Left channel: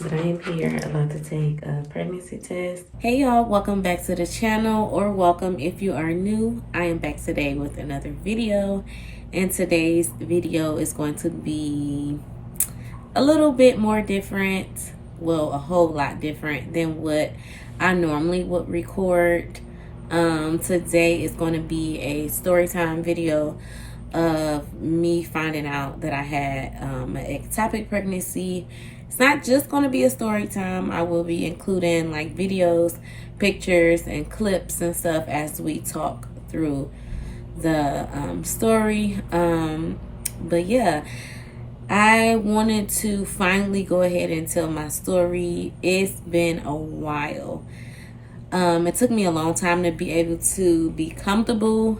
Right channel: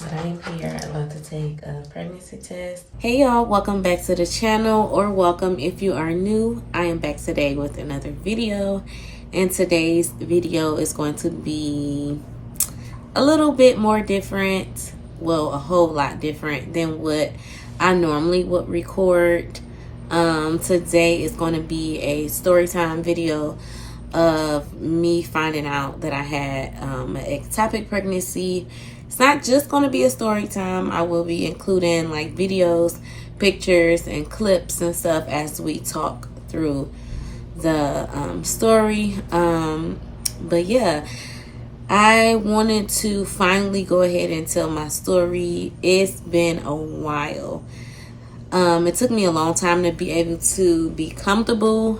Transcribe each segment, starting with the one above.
But I am here about to take a pregnancy test. Hey y'all, welcome back to the channel, or welcome if you are new. I am back today with another video, and today's video is going to be a little bit more different. Well, a whole lot different than what I normally would record. Today is going to be a story time video of me finding out that I had an ectopic pregnancy. It's not just going to be a story time. I will be including like videos, pictures, and clips and stuff as we talk through the story. But yeah, I wanted to finally go ahead and tell my story. It's been a while. It took me a long time to be able to be comfortable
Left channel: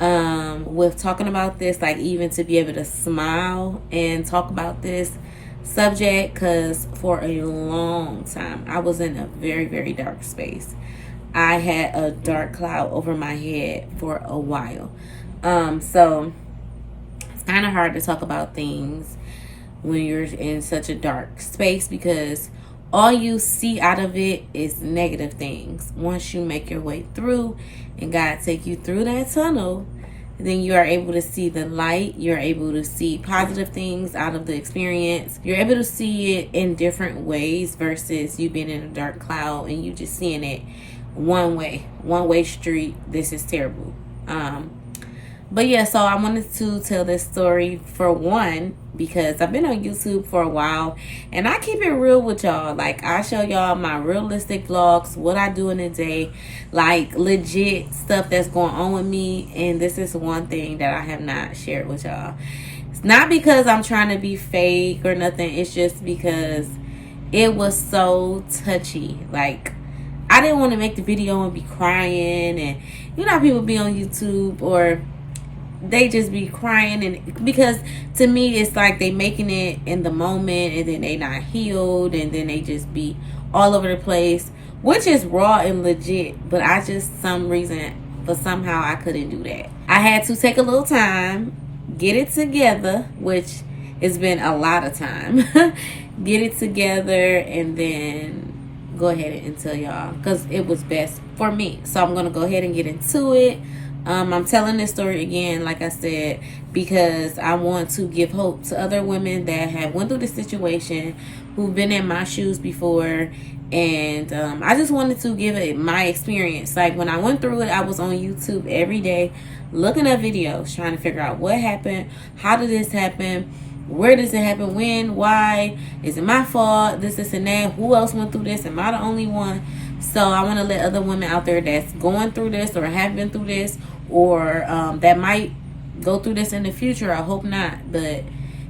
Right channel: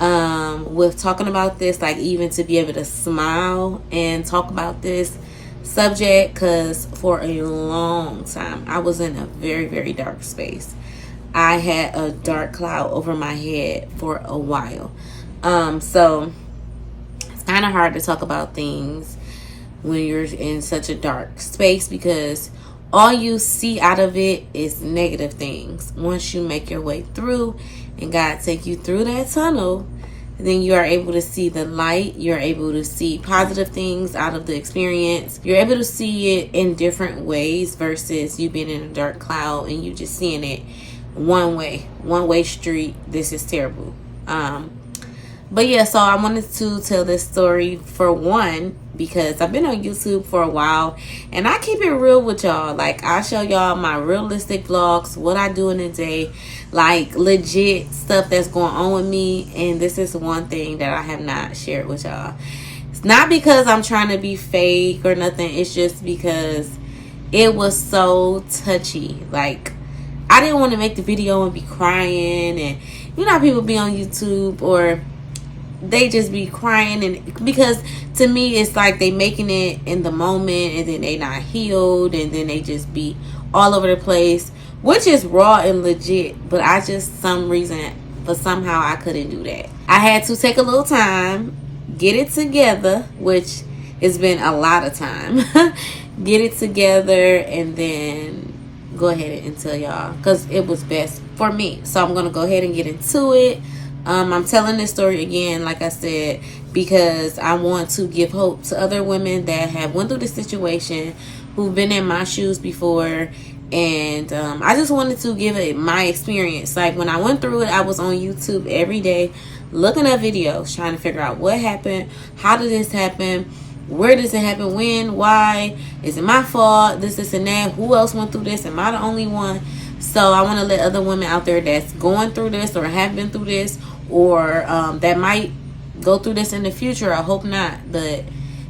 with talking about this, like even to be able to smile and talk about this subject, because for a long time I was in a very, very dark space. I had a dark cloud over my head for a while. So it's kind of hard to talk about things when you're in such a dark space, because all you see out of it is negative things. Once you make your way through and God take you through that tunnel, then you are able to see the light. You're able to see positive things out of the experience. You're able to see it in different ways versus you being in a dark cloud and you just seeing it one way street. This is terrible. But yeah, so I wanted to tell this story for one, because I've been on YouTube for a while and I keep it real with y'all. Like, I show y'all my realistic vlogs, what I do in a day, like legit stuff that's going on with me. And this is one thing that I have not shared with y'all. It's not because I'm trying to be fake or nothing. It's just because it was so touchy. Like, I didn't want to make the video and be crying. And you know how people be on YouTube or they just be crying, and because to me it's like they making it in the moment and then they not healed and then they just be all over the place, which is raw and legit. But I just, somehow I couldn't do that. I had to take a little time, get it together, which has been a lot of time. Get it together and then go ahead and tell y'all, because it was best for me. So I'm gonna go ahead and get into it. I'm telling this story again, like I said, because I want to give hope to other women that have went through this situation, who've been in my shoes before. And I just wanted to give it my experience. Like, when I went through it, I was on YouTube every day looking at videos, trying to figure out what happened, how did this happen, where does it happen, when, why, is it my fault, this and that, who else went through this, am I the only one? So I want to let other women out there that's going through this or have been through this, or that might go through this in the future, I hope not, but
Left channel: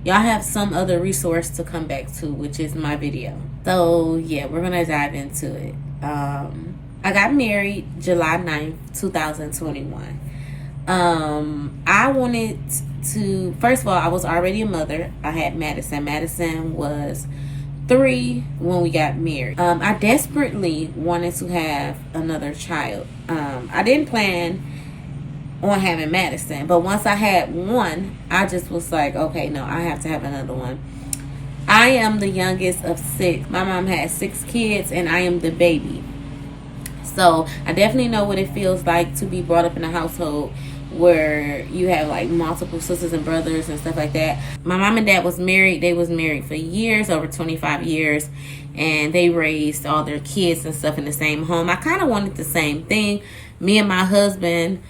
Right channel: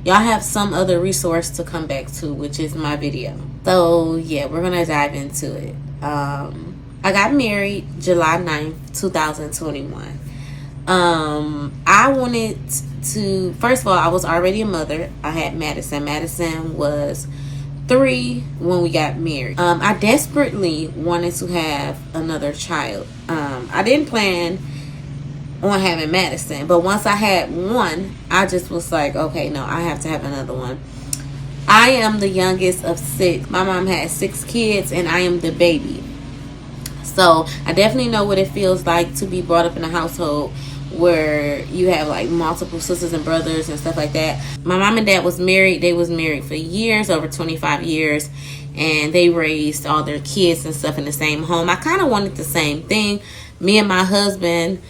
y'all have some other resource to come back to, which is my video. So yeah, we're gonna dive into it. I got married July 9th, 2021. I wanted to, first of all, I was already a mother. I had Madison was 3 when we got married. I desperately wanted to have another child. I didn't plan on having Madison, but once I had one, I just was like, okay, no, I have to have another one. I am the youngest of 6. My mom had 6 kids and I am the baby. So I definitely know what it feels like to be brought up in a household where you have like multiple sisters and brothers and stuff like that. My mom and dad was married. They was married for years, over 25 years, and they raised all their kids and stuff in the same home. I kind of wanted the same thing. Me and my husband,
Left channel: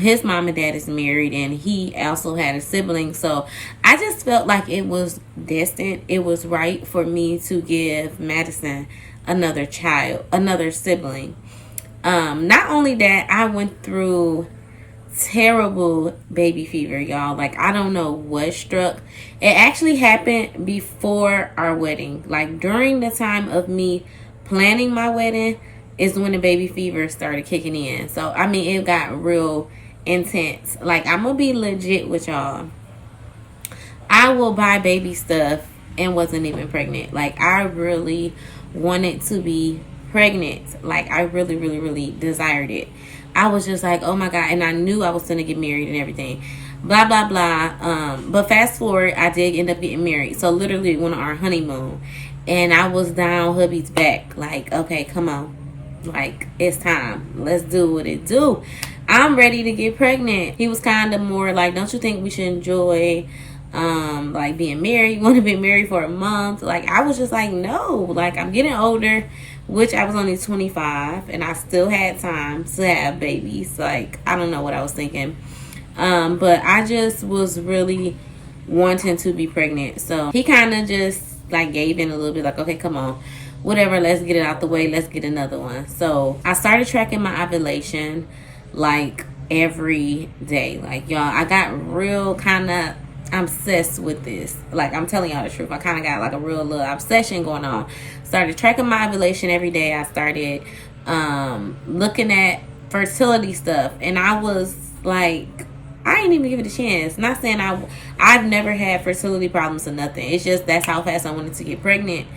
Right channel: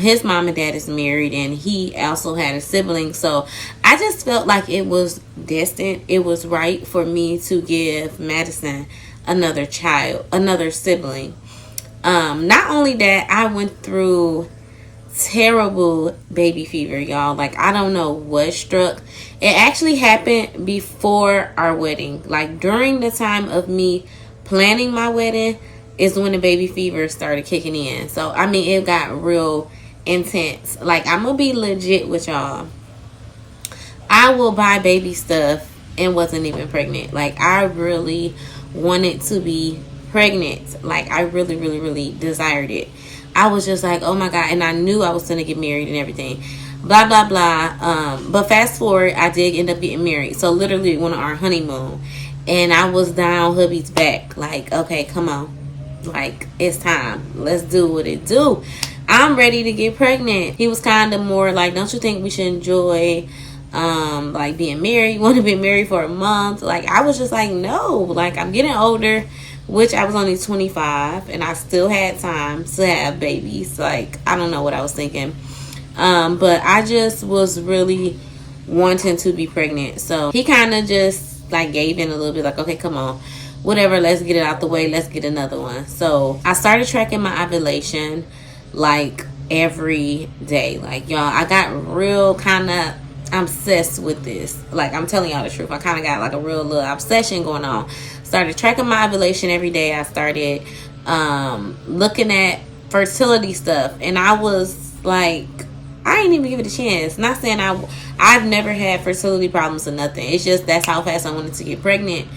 his mom and dad is married, and he also had a sibling. So I just felt like it was destined. It was right for me to give Madison another child, another sibling. Not only that, I went through terrible baby fever, y'all. Like, I don't know what struck. It actually happened before our wedding. Like, during the time of me planning my wedding is when the baby fever started kicking in. So I mean, it got real intense. Like, I'm gonna be legit with y'all. I will buy baby stuff and wasn't even pregnant. Like, I really wanted to be pregnant. Like, I really, really, really desired it. I was just like, oh my God. And I knew I was going to get married and everything. Blah, blah, blah. But fast forward, I did end up getting married. So literally went on our honeymoon. And I was down hubby's back. Like, okay, come on. Like, it's time. Let's do what it do. I'm ready to get pregnant. He was kind of more like, don't you think we should enjoy like being married? Want to be married for a month? Like, I was just like, no. Like, I'm getting older, which I was only 25 and I still had time to have babies. Like, I don't know what I was thinking. But I just was really wanting to be pregnant. So he kind of just like gave in a little bit, like, okay, come on, whatever, let's get it out the way, let's get another one. So I started tracking my ovulation like every day. Like, y'all, I got real kind of obsessed with this. Like, I'm telling y'all the truth, I kind of got like a real little obsession going on. Started tracking my ovulation every day. I started looking at fertility stuff, and I was like, I ain't even give it a chance. Not saying I've never had fertility problems or nothing. It's just that's how fast I wanted to get pregnant.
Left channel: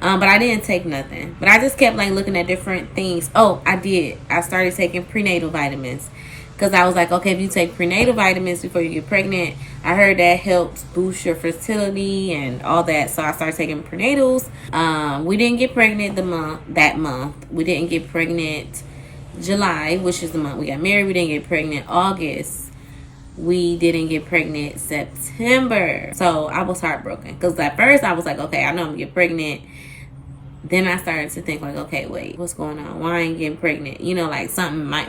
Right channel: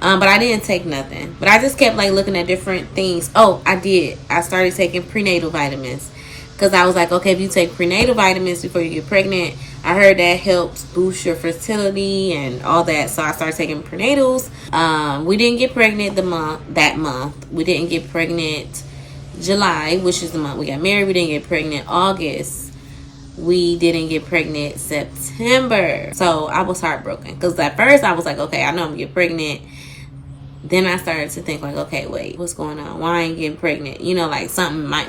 But I didn't take nothing. But I just kept like looking at different things. Oh, I did. I started taking prenatal vitamins. Because I was like, okay, if you take prenatal vitamins before you get pregnant, I heard that helps boost your fertility and all that. So I started taking prenatals. We didn't get pregnant that month. We didn't get pregnant July, which is the month we got married. We didn't get pregnant August. We didn't get pregnant September. So I was heartbroken. Because at first I was like, okay, I know I'm going to get pregnant. Then I started to think like, okay, wait, what's going on? Why I ain't getting pregnant? You know, like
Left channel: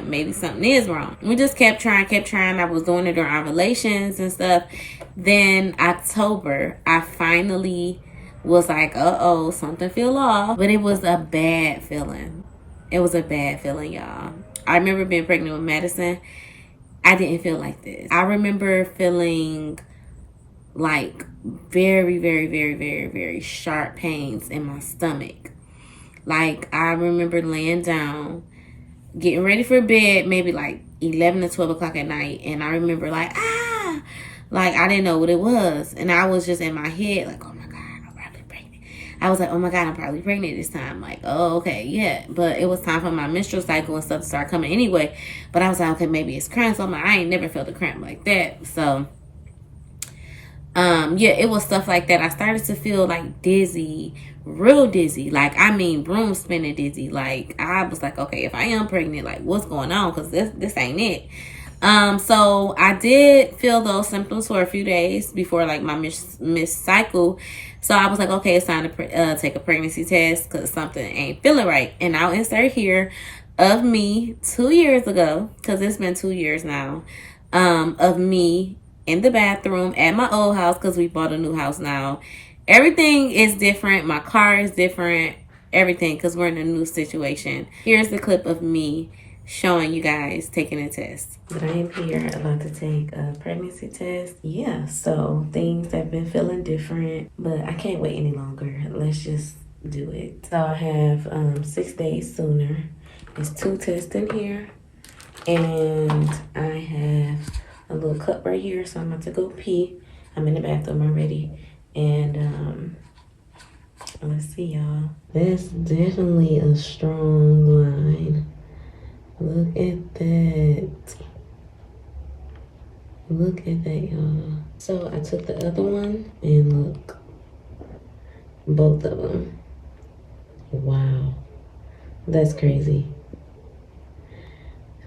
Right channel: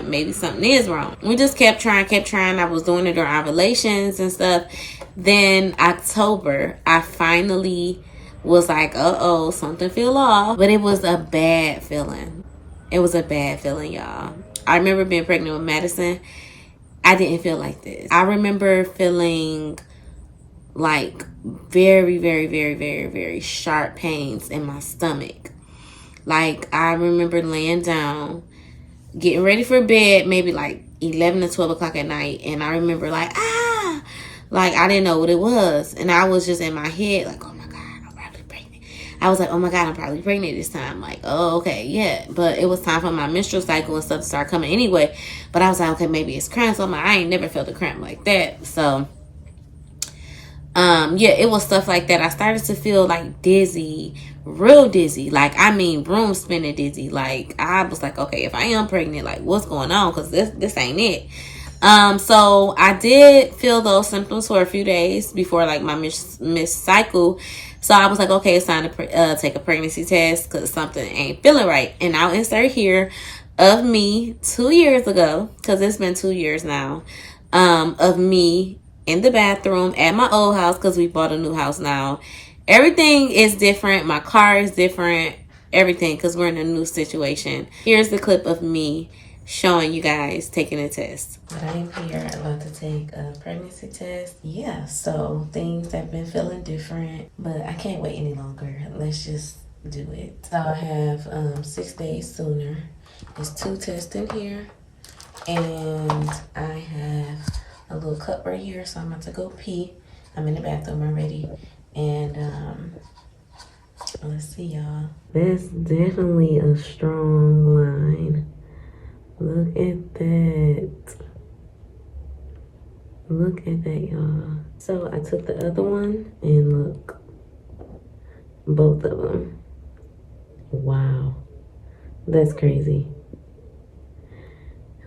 maybe something is wrong. We just kept trying. I was doing it during ovulations and stuff. Then October, I finally was like, uh-oh, something feel off. But it was a bad feeling. It was a bad feeling, y'all. I remember being pregnant with Madison. I didn't feel like this. I remember feeling like very, very, very, very, very sharp pains in my stomach. Like, I remember laying down, getting ready for bed, maybe like 11 to 12 o'clock at night. And I remember like, like I didn't know what it was. And I was just in my head like, oh my God, I'm probably pregnant. I was like, oh my God, I'm probably pregnant this time. Like, oh, okay, yeah. But it was time for my menstrual cycle and stuff to start coming anyway. But I was like, okay, maybe it's cramps. I'm like, I ain't never felt a cramp like that. So, yeah, it was stuff like that. I started to feel like dizzy, real dizzy. Like, I mean, room spinning dizzy. Like, I was like, okay, if I am pregnant, like, what's going on? Because this ain't it. So I did feel those symptoms for a few days before like my missed cycle. So I was like, okay, it's time to take a pregnancy test because something ain't feeling right. And I'll insert here of me 2 years ago, because it's been 2 years now, of me in the bathroom at my old house, because we bought a new house now. Everything is different. My car is different. Everything, because we're in a new situation. Here's the clip of me showing you guys taking a test. But I am here about to take a pregnancy test. Yeah, so things have been feeling different, but I can't wait any longer. Let's just do it. So I have 6 days sooner. There's 2 tests in here, and I have a little cup right here, so I'm about to go pee. I'm in the bathroom already, and let's see, y'all. That's definitely a strong line. Look at that. Look at that, y'all. So I took the other one, and look, both of them. Wow, that's crazy.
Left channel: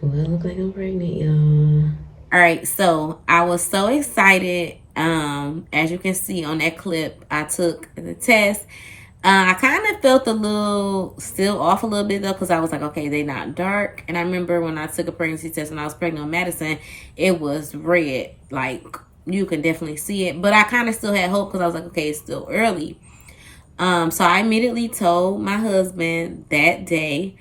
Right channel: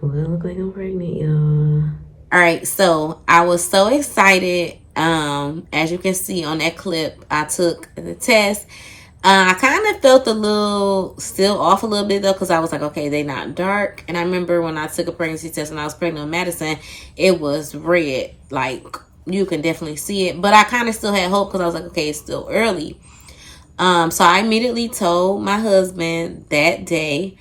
Well, I look like I'm pregnant, y'all. All right, so I was so excited. As you can see on that clip, I took the test. I kind of felt a little still off a little bit though, because I was like, okay, they not dark. And I remember when I took a pregnancy test when I was pregnant with Madison, it was red. Like, you can definitely see it. But I kind of still had hope because I was like, okay, it's still early. So I immediately told my husband that day.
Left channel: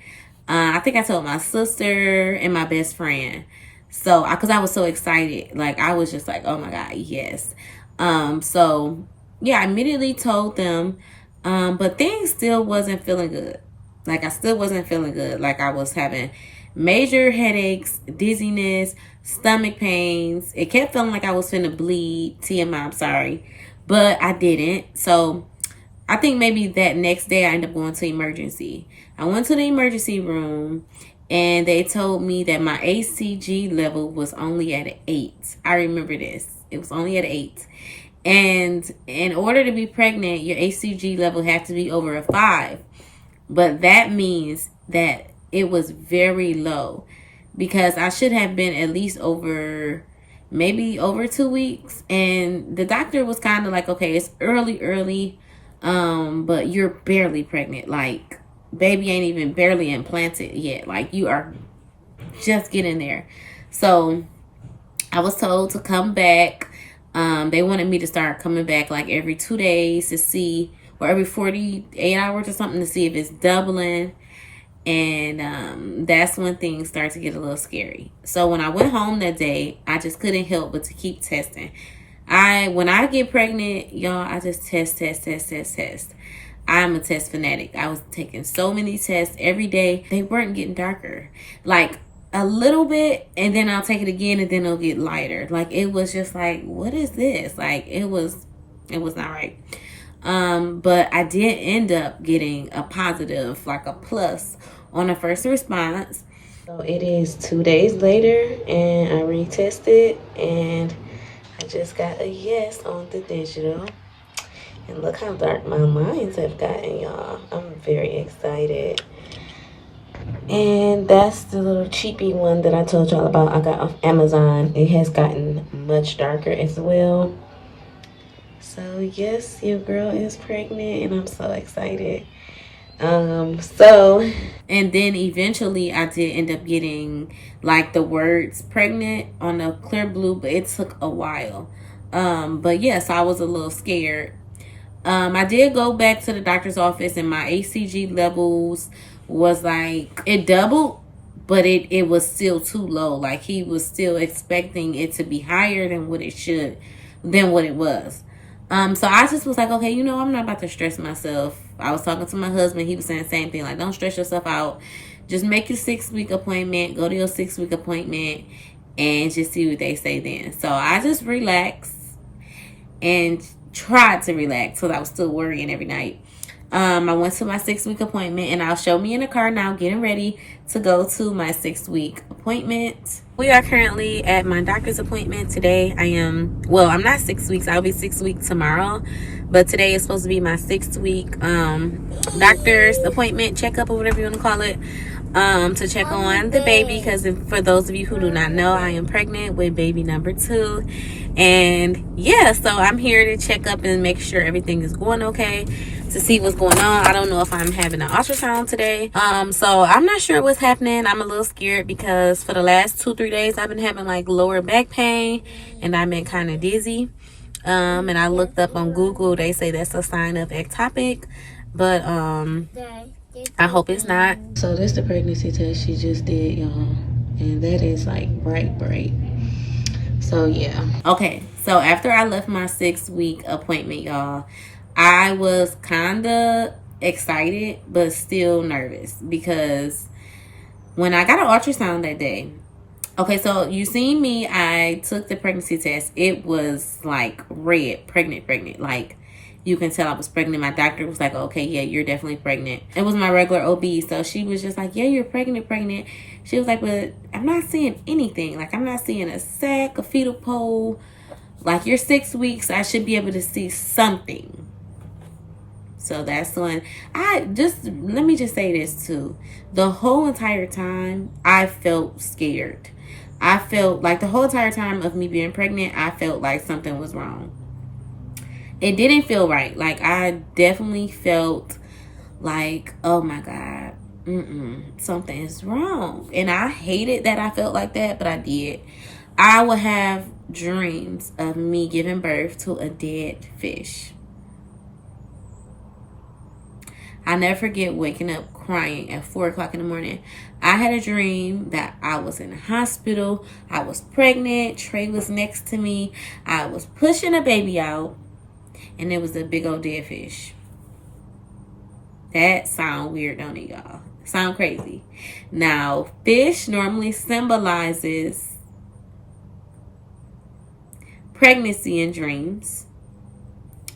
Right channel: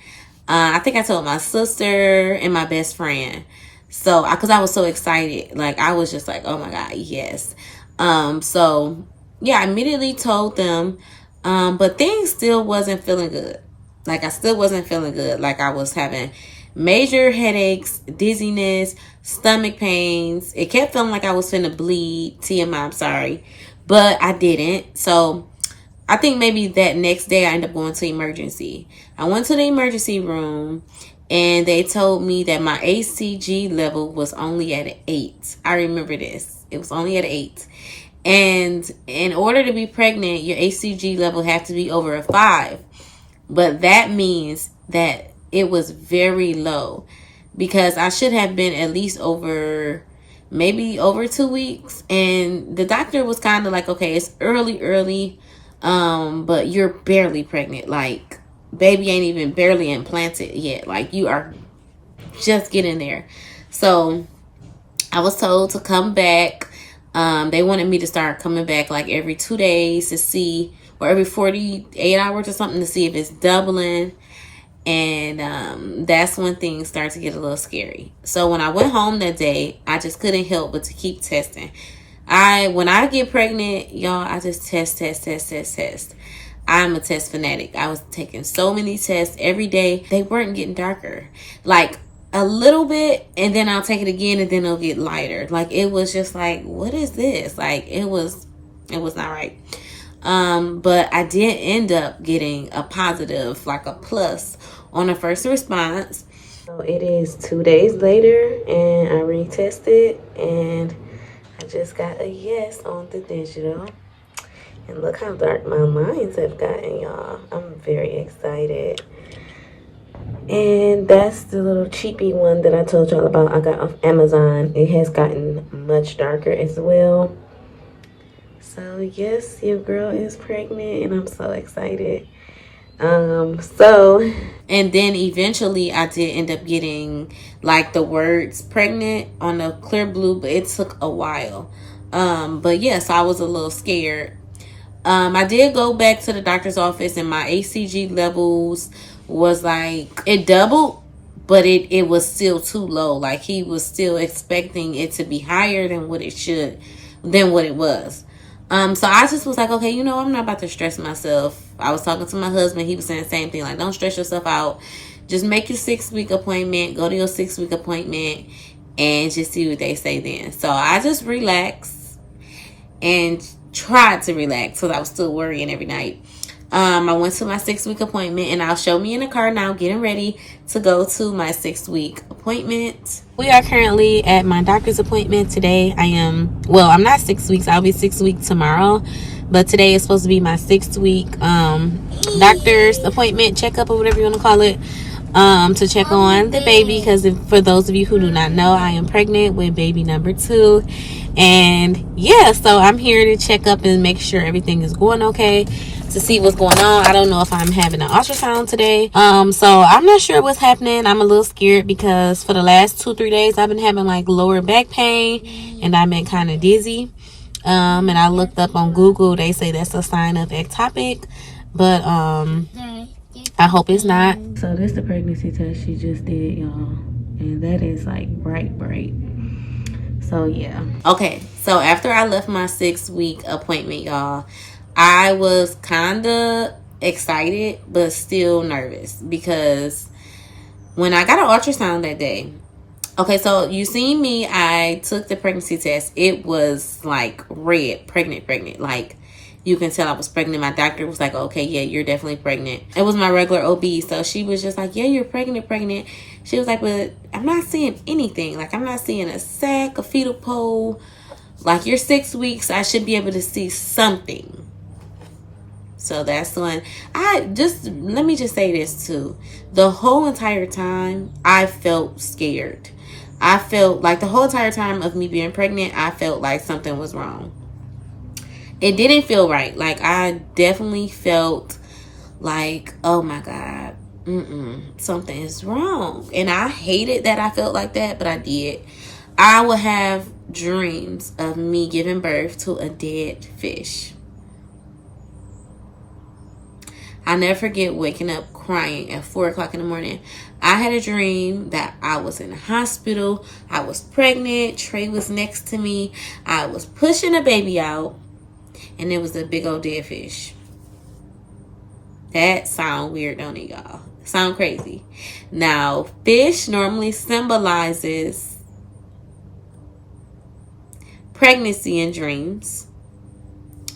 I think I told my sister and my best friend. So, because I was so excited. Like, I was just like, oh my God, yes. So, yeah, I immediately told them. But things still wasn't feeling good. Like, I still wasn't feeling good. Like, I was having major headaches, dizziness, stomach pains. It kept feeling like I was finna bleed. TMI, I'm sorry. But I didn't. So, I think maybe that next day I ended up going to emergency. I went to the emergency room, and they told me that my HCG level was only at an 8. I remember this. It was only at an 8. And in order to be pregnant, your HCG level has to be over a 5. But that means that it was very low, because I should have been at least over, maybe over 2 weeks. And the doctor was kind of like, okay, it's early, but you're barely pregnant. Like, baby ain't even barely implanted yet. Like, you are just getting there. So I was told to come back. They wanted me to start coming back like every 2 days to see, or every 48 hours or something, to see if it's doubling. And that's when things start to get a little scary. So when I went home that day, I just couldn't help but to keep testing. When I get pregnant, y'all, I just test. I'm a test fanatic. I was taking so many tests every day. They weren't getting darker. Like, a little bit, and then I'll take it again, and then it'll get lighter. Like, it was just like, what is this? Like, it was not right. But I did end up getting a positive, like a plus, on the first response. So it is 2 days later, and I retested, and I just got a yes on the digital. And look how dark my lines have gotten, y'all. I'm very excited. And that's the little cheapy one that I told y'all about. I got off Amazon. It has gotten much darker as well. So yes, your girl is pregnant, and I'm so excited. And then eventually I did end up getting like the words pregnant on the clear blue, but it took a while. But yes, I was a little scared. I did go back to the doctor's office, and my HCG levels was like, it doubled, but it was still too low. Like, he was still expecting it to be higher than what it was. So I just was like, okay, I'm not about to stress myself. I was talking to my husband. He was saying the same thing. Like, don't stress yourself out. Just make your 6-week appointment. Go to your 6-week appointment and just see what they say then. So I just relaxed and tried to relax, because I was still worrying every night. I went to my 6-week appointment, and I'll show me in the car now, getting ready to go to my 6-week appointment. We are currently at my doctor's appointment today. I'm not 6 weeks. I'll be 6 weeks tomorrow. But today is supposed to be my 6-week doctor's appointment, checkup, or whatever you want to call it, to check on the baby. Because for those of you who do not know, I am pregnant with baby number 2. And yeah, so I'm here to check up and make sure everything is going okay, to see what's going on. I don't know if I'm having an ultrasound today. So I'm not sure what's happening. I'm a little scared, because for the last 2-3 days I've been having like lower back pain, and I've been kind of dizzy. And I looked up on Google. They say that's a sign of ectopic, but I hope it's not. So this is the pregnancy test she just did, y'all, and that is like bright. So yeah. Okay, so after I left my 6-week appointment, y'all, I was kind of excited but still nervous, because when I got an ultrasound that day, okay, so you seen me, I took the pregnancy test. It was like red, pregnant. Like, you can tell I was pregnant. My doctor was like, okay, yeah, you're definitely pregnant. It was my regular OB, so she was just like, yeah, you're pregnant. She was like, but I'm not seeing anything. Like, I'm not seeing a sac, a fetal pole. Like, you're 6 weeks. I should be able to see something. So that's when let me just say this too. The whole entire time, I felt scared. I felt like the whole entire time of me being pregnant, I felt like something was wrong. It didn't feel right. Like, I definitely felt like, oh my God, something is wrong. And I hated that I felt like that, but I did. I would have dreams of me giving birth to a dead fish. I never forget waking up crying at 4 o'clock in the morning. I had a dream that I was in the hospital. I was pregnant. Trey was next to me. I was pushing a baby out, and it was a big old dead fish. That sound weird, don't it, y'all? Sound crazy. Now, fish normally symbolizes pregnancy and dreams.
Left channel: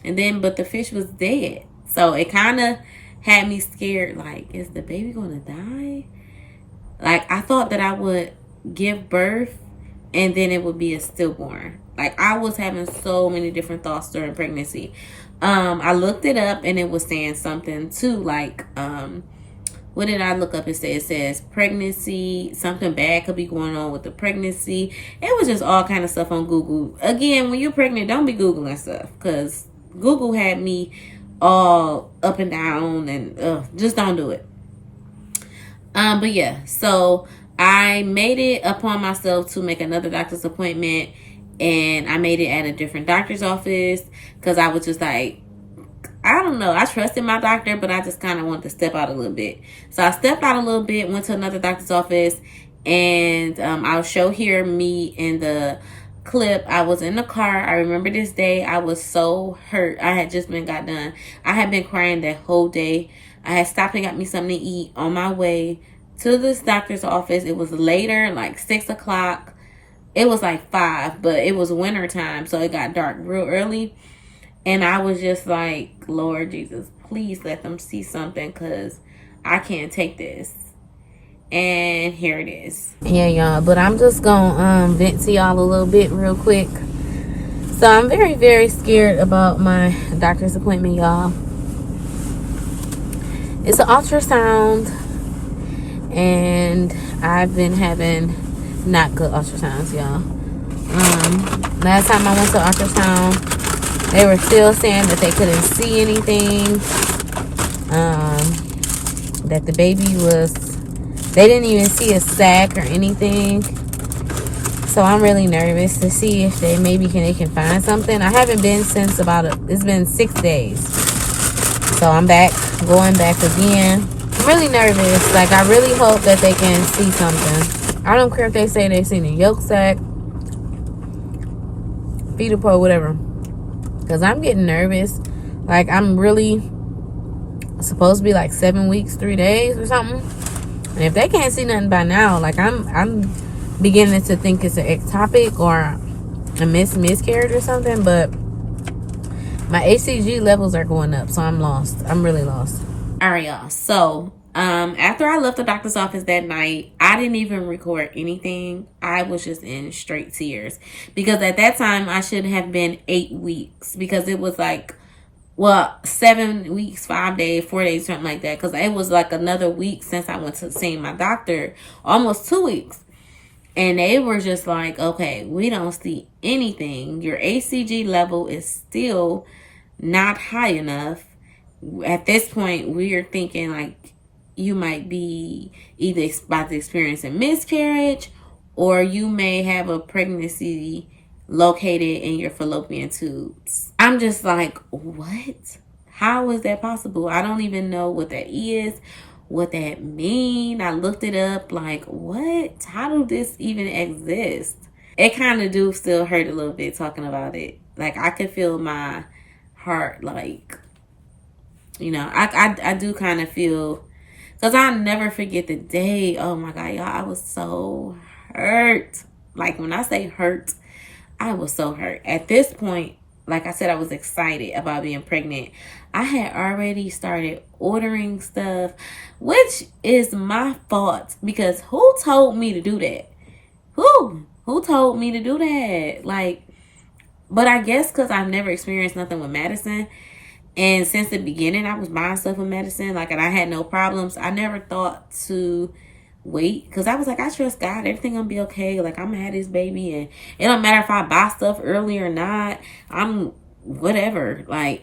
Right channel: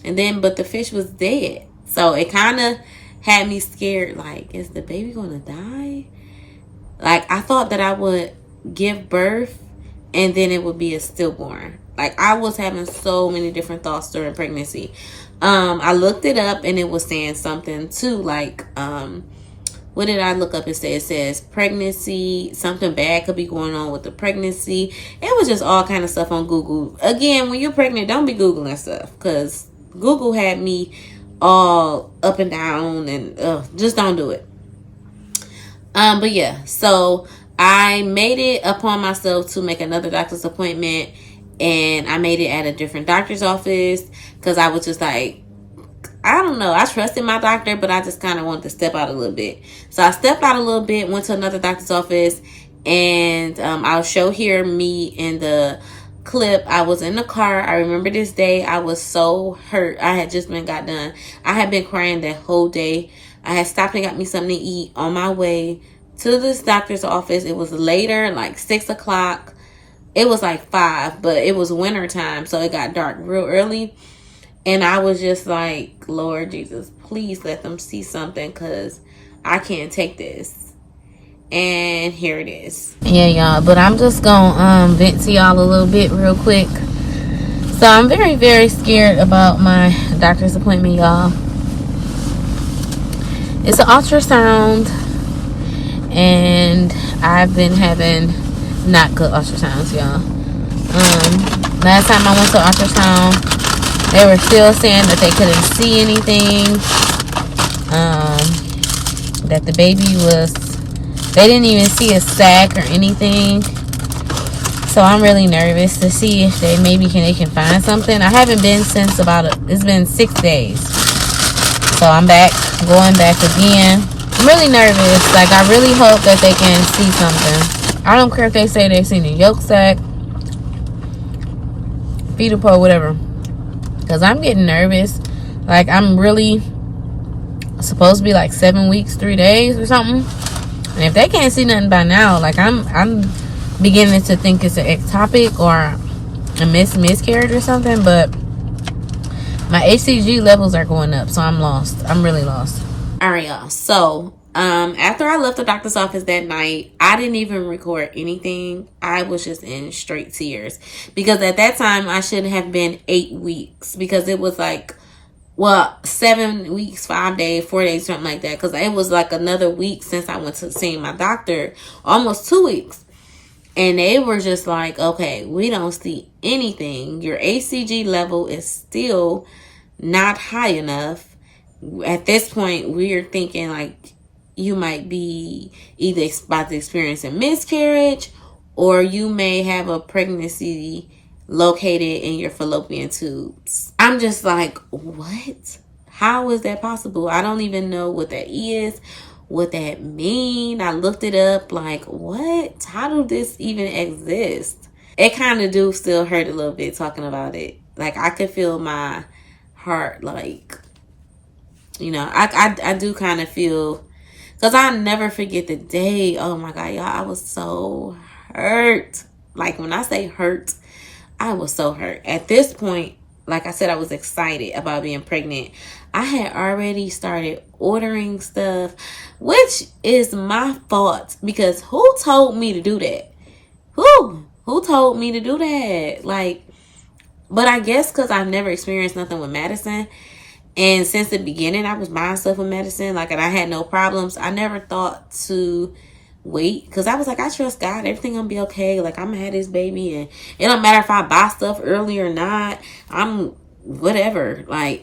But the fish was dead. So it kind of had me scared. Like, is the baby going to die? Like, I thought that I would give birth and then it would be a stillborn. Like, I was having so many different thoughts during pregnancy. I looked it up and it was saying something too, like, what did I look up and say? It says pregnancy, something bad could be going on with the pregnancy. It was just all kind of stuff on Google. Again, when you're pregnant, don't be Googling stuff, because Google had me all up and down, and just don't do it. But yeah, so I made it upon myself to make another doctor's appointment, and I made it at a different doctor's office because I was just like, I don't know, I trusted my doctor, but I just kind of wanted to step out a little bit. So I stepped out a little bit, went to another doctor's office, and I'll show here me in the clip. I was in the car. I remember this day. I was so hurt. I had just got done. I had been crying that whole day. I had stopped and got me something to eat on my way to this doctor's office. It was later, like 6 o'clock. It was like 5, but it was winter time, so it got dark real early. And I was just like, Lord Jesus, please let them see something, because I can't take this. And here it is. Yeah, y'all, but I'm just gonna vent to y'all a little bit real quick. So I'm very, very scared about my doctor's appointment, y'all. It's an ultrasound, and I've been having not good ultrasounds, y'all. Last time I went to ultrasound, they were still saying that they couldn't see anything. That the baby was, they didn't even see a sac or anything. So I'm really nervous to see if they can find something. I haven't been since it's been 6 days. So I'm going back again. I'm really nervous. Like, I really hope that they can see something. I don't care if they say they've seen a yolk sac, fetal pole, whatever. Because I'm getting nervous. Like, I'm really supposed to be like 7 weeks, 3 days or something. And if they can't see nothing by now, like, I'm beginning to think it's an ectopic or a miscarriage or something. But my HCG levels are going up, so I'm lost. I'm really lost. All right, y'all. So after I left the doctor's office that night, I didn't even record anything. I was just in straight tears, because at that time I should have been 8 weeks, because it was like, well, 7 weeks, 5 days, 4 days, something like that. Because it was like another week since I went to see my doctor, almost 2 weeks. And they were just like, okay, we don't see anything. Your HCG level is still not high enough. At this point, we're thinking like you might be either about to experience a miscarriage, or you may have a pregnancy located in your fallopian tubes. I'm just like, what? How is that possible? I don't even know what that is, what that mean. I looked it up, like, what? How do this even exist? It kind of do still hurt a little bit talking about it. Like, I could feel my heart, like, you know, I do kind of feel, because I'll never forget the day. Oh my God, y'all, I was so hurt. Like, when I say hurt, I was so hurt. At this point, like I said, I was excited about being pregnant. I had already started ordering stuff, which is my fault, because who told me to do that? Who told me to do that? Like, but I guess because I've never experienced nothing with medicine. And since the beginning, I was buying stuff with medicine, like, and I had no problems. I never thought to wait, because I was like, I trust God, everything gonna be okay. Like, I'm gonna have this baby, and it don't matter if I buy stuff early or not. I'm whatever. Like,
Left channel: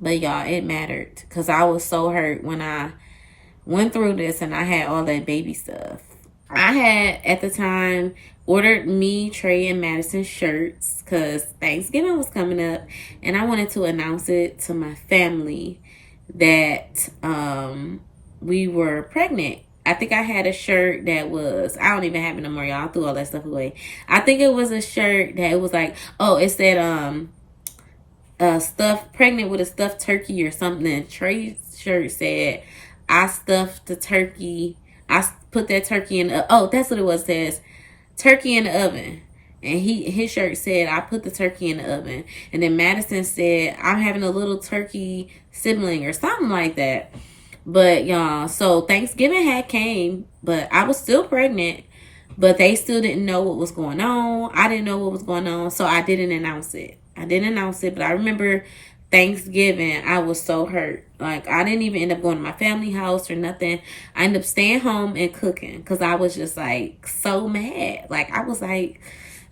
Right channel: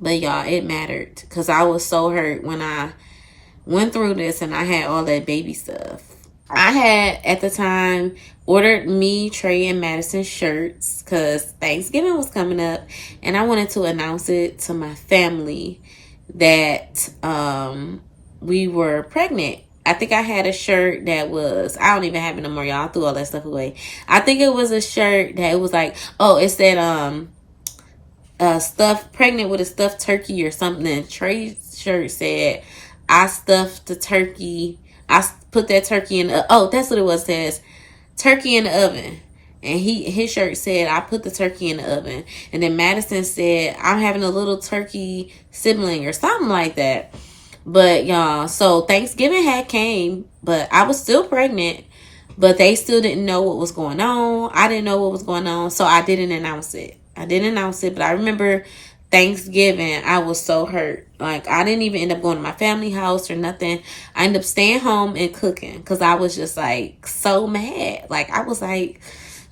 but y'all, it mattered, because I was so hurt when I went through this and I had all that baby stuff. I had, at the time, ordered me, Trey, and Madison shirts, because Thanksgiving was coming up, and I wanted to announce it to my family that we were pregnant. I think I had a shirt that was, I don't even have it no more, y'all. I threw all that stuff away. I think it was a shirt that it was like, oh, it said stuffed, pregnant with a stuffed turkey or something. Trey's shirt said, I stuffed the turkey. I put that turkey in the, oh, that's what it was. It says turkey in the oven. And his shirt said, I put the turkey in the oven. And then Madison said, I'm having a little turkey sibling or something like that. But y'all, so Thanksgiving had came, but I was still pregnant. but they still didn't know what was going on. I didn't know what was going on, so I didn't announce it. But I remember Thanksgiving, I was so hurt. Like, I didn't even end up going to my family house or nothing. I ended up staying home and cooking because I was just like so mad. Like, I was like,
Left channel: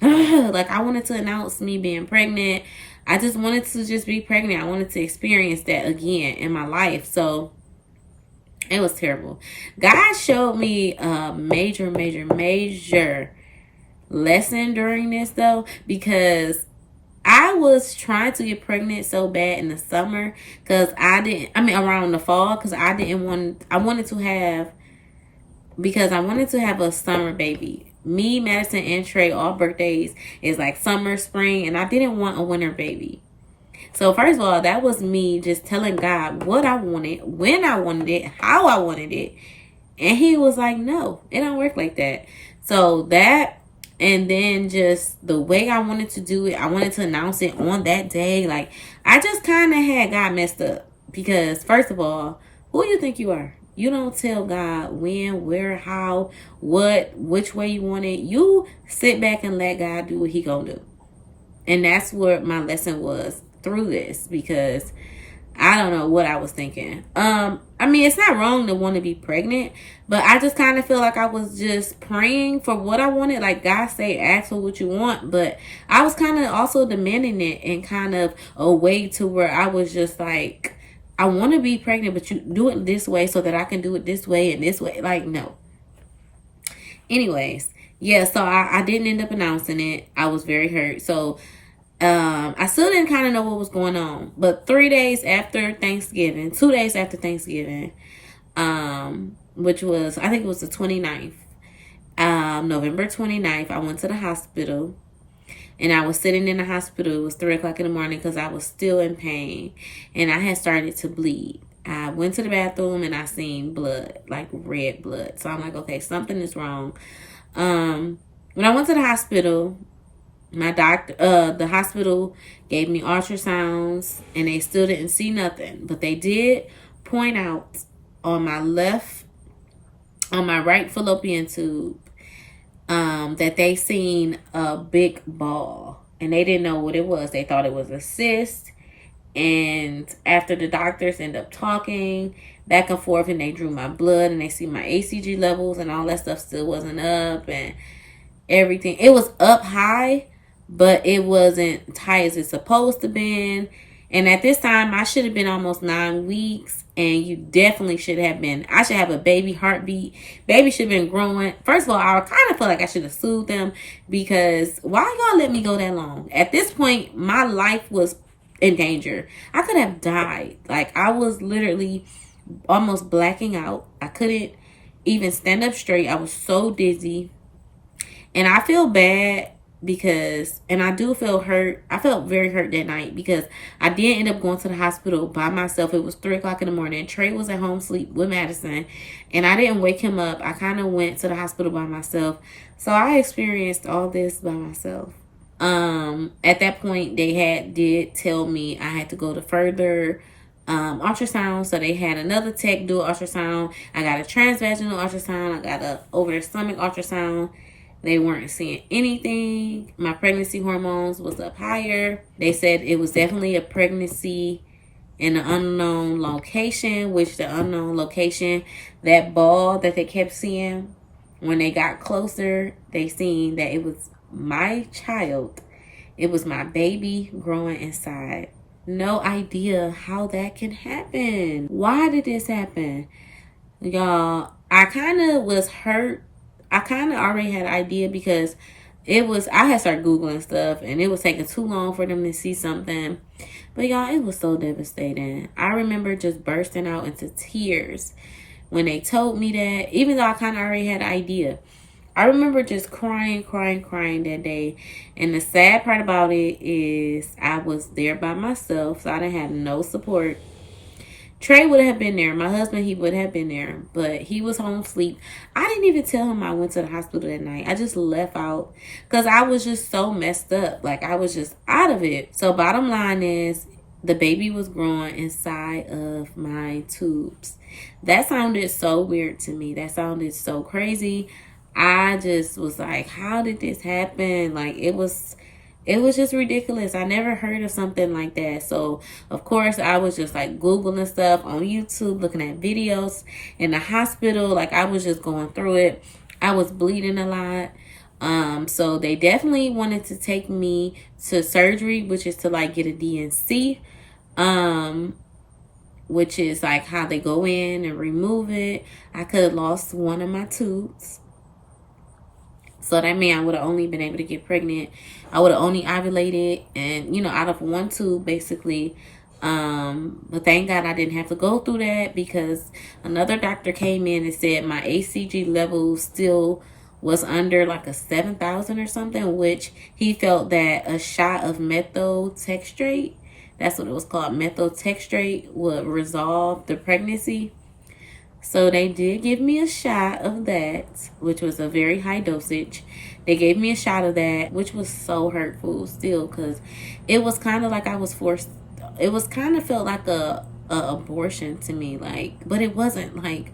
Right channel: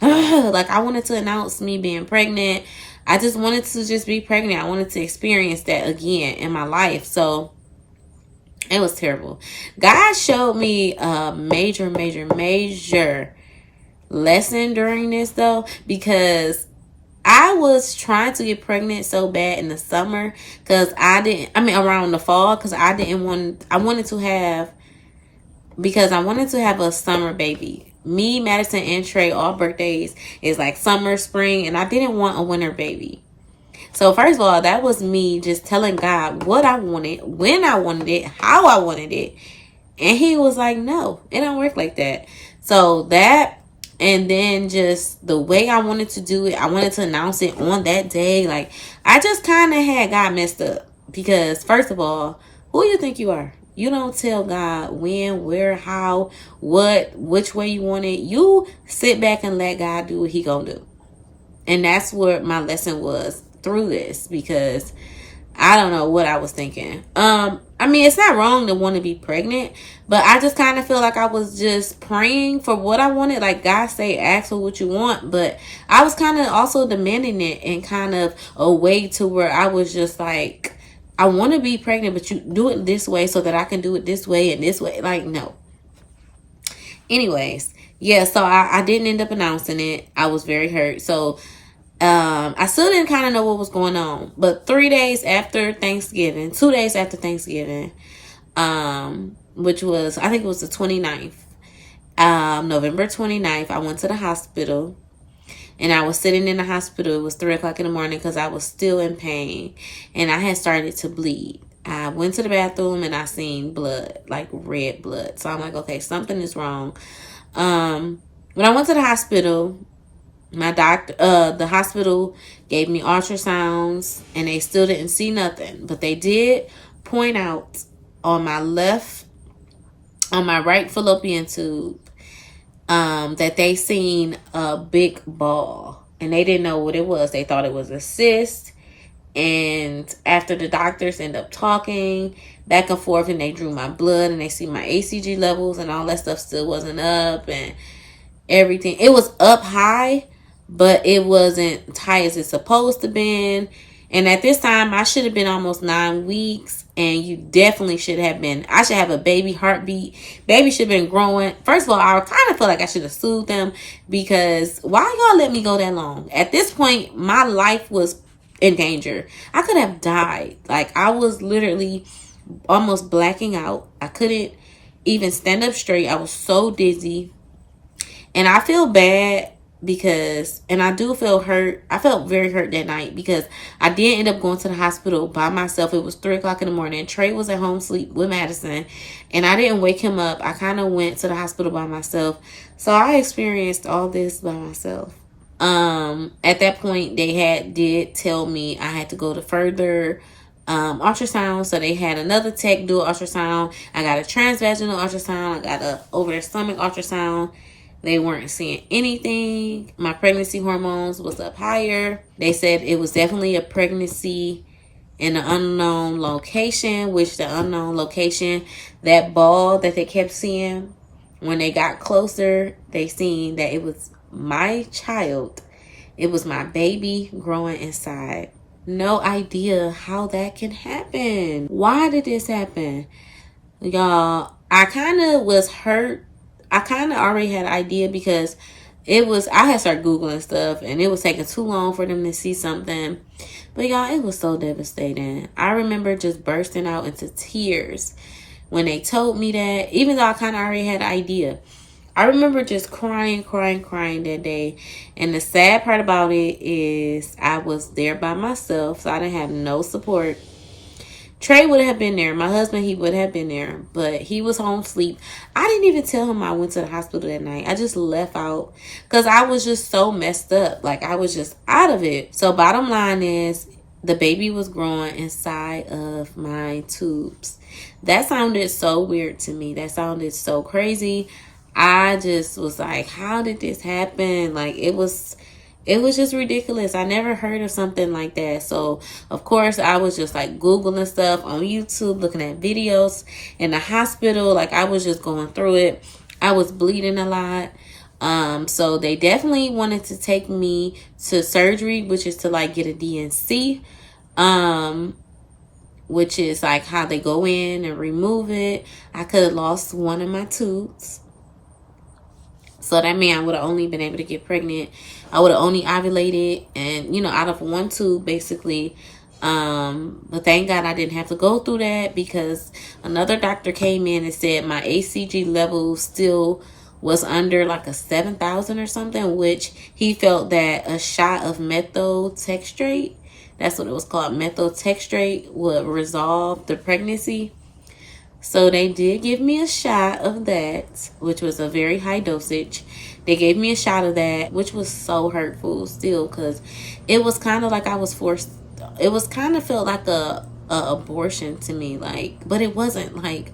ugh, like, I wanted to announce me being pregnant. I just wanted to just be pregnant. I wanted to experience that again in my life. So it was terrible. God showed me a major lesson during this, though, because I was trying to get pregnant so bad in the summer because around the fall, because I wanted to have a summer baby. Me, Madison, and Trey, all birthdays is like summer, spring, and I didn't want a winter baby. So first of all, that was me just telling God what I wanted, when I wanted it, how I wanted it. And he was like, no, it don't work like that. So that, and then just the way I wanted to do it, I wanted to announce it on that day. Like, I just kind of had God messed up. Because first of all, who you think you are? You don't tell God when, where, how, what, which way you want it. You sit back and let God do what he gonna do. And that's what my lesson was through this, because I don't know what I was thinking. It's not wrong to want to be pregnant, but I just kind of feel like I was just praying for what I wanted. Like, God say, ask for what you want, but I was kind of also demanding it in kind of a way to where I was just like, I want to be pregnant, but you do it this way so that I can do it this way and this way. Like, no. Anyways, yeah, so I didn't end up announcing it. I was very hurt. So I still didn't kind of know what was going on, but 2 days after Thanksgiving, which was, I think it was the 29th, November 29th, I went to the hospital, and I was sitting in the hospital. It was 3 o'clock in the morning because I was still in pain, and I had started to bleed. I went to the bathroom and I seen blood, like red blood. So I'm like, okay, something is wrong. When I went to the hospital, the hospital gave me ultrasounds and they still didn't see nothing, but they did point out on my right fallopian tube, that they seen a big ball, and they didn't know what it was. They thought it was a cyst. And after the doctors end up talking back and forth, and they drew my blood and they see my HCG levels and all that stuff still wasn't up, and everything, it was up high, but it wasn't as high as it's supposed to been. And at this time, I should have been almost 9 weeks, and you definitely should have been. I should have a baby heartbeat. Baby should have been growing. First of all, I kind of feel like I should have sued them, because why y'all let me go that long? At this point, my life was in danger. I could have died. Like, I was literally almost blacking out. I couldn't even stand up straight. I was so dizzy. And I feel bad because, and I do feel hurt. I felt very hurt that night because I did end up going to the hospital by myself. It was 3 o'clock in the morning. Trey was at home asleep with Madison, and I didn't wake him up. I kind of went to the hospital by myself. So I experienced all this by myself. At that point, they did tell me I had to go to further ultrasound. So they had another tech do an ultrasound. I got a transvaginal ultrasound. I got a over the stomach ultrasound. They weren't seeing anything. My pregnancy hormones was up higher. They said it was definitely a pregnancy in an unknown location, which the unknown location, that ball that they kept seeing, when they got closer, they seen that it was my child. It was my baby growing inside. No idea how that can happen. Why did this happen? Y'all, I kind of was hurt. I kind of already had an idea because I had started Googling stuff, and it was taking too long for them to see something. But y'all, it was so devastating. I remember just bursting out into tears when they told me that, even though I kind of already had an idea. I remember just crying that day. And the sad part about it is I was there by myself, so I didn't have no support. Trey would have been there. My husband, he would have been there, but he was home asleep. I didn't even tell him I went to the hospital that night. I just left out because I was just so messed up. Like, I was just out of it. So bottom line is, the baby was growing inside of my tubes. That sounded so weird to me. That sounded so crazy. I just was like, how did this happen? Like, it was just ridiculous. I never heard of something like that. So, of course, I was just like Googling stuff on YouTube, looking at videos in the hospital. Like, I was just going through it. I was bleeding a lot. So they definitely wanted to take me to surgery, which is to like get a DNC, which is like how they go in and remove it. I could have lost one of my tubes. So that meant I would have only been able to get pregnant. I would have only ovulated and, you know, out of one tube basically. But thank God I didn't have to go through that, because another doctor came in and said my HCG level still was under like a 7,000 or something, which he felt that a shot of methotrexate, that's what it was called, methotrexate, would resolve the pregnancy. So they did give me a shot of that, which was a very high dosage. They gave me a shot of that, which was so hurtful still, because it was kind of like I was forced. It was kind of felt like a abortion to me, like, but it wasn't. Like,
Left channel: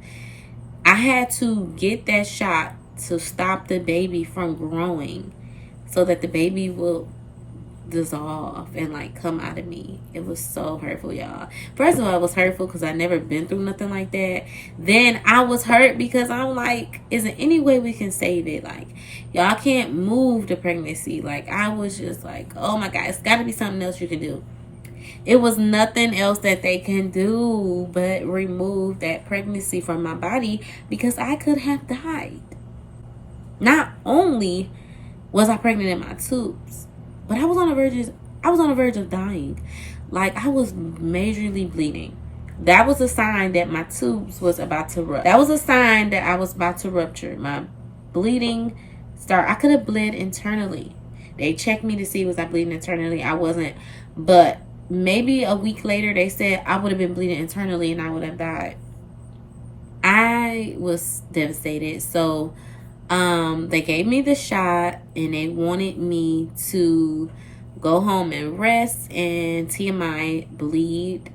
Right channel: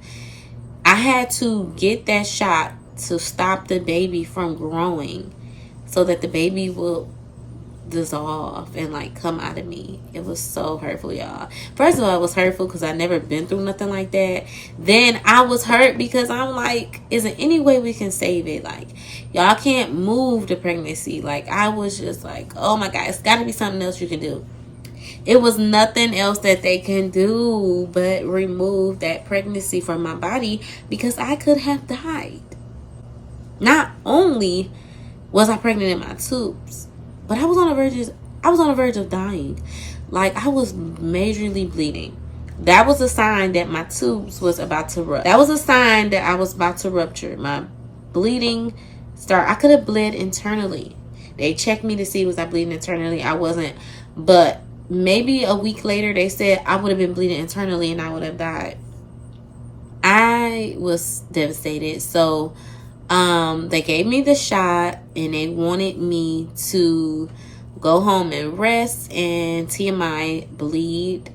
I had to get that shot to stop the baby from growing, so that the baby will dissolve and like come out of me. It was so hurtful, y'all. First of all, it was hurtful because I never been through nothing like that. Then I was hurt because I'm like, is there any way we can save it? Like, y'all can't move the pregnancy. Like, I was just like, oh my God, it's got to be something else you can do. It was nothing else that they can do but remove that pregnancy from my body, because I could have died. Not only was I pregnant in my tubes, but I was on the verge of dying. Like, I was majorly bleeding. That was a sign that my tubes was about to rupture. That was a sign that I was about to rupture. My bleeding started. I could have bled internally. They checked me to see was I bleeding internally. I wasn't. But maybe a week later, they said I would have been bleeding internally and I would have died. I was devastated. So they gave me the shot and they wanted me to go home and rest and TMI, bleed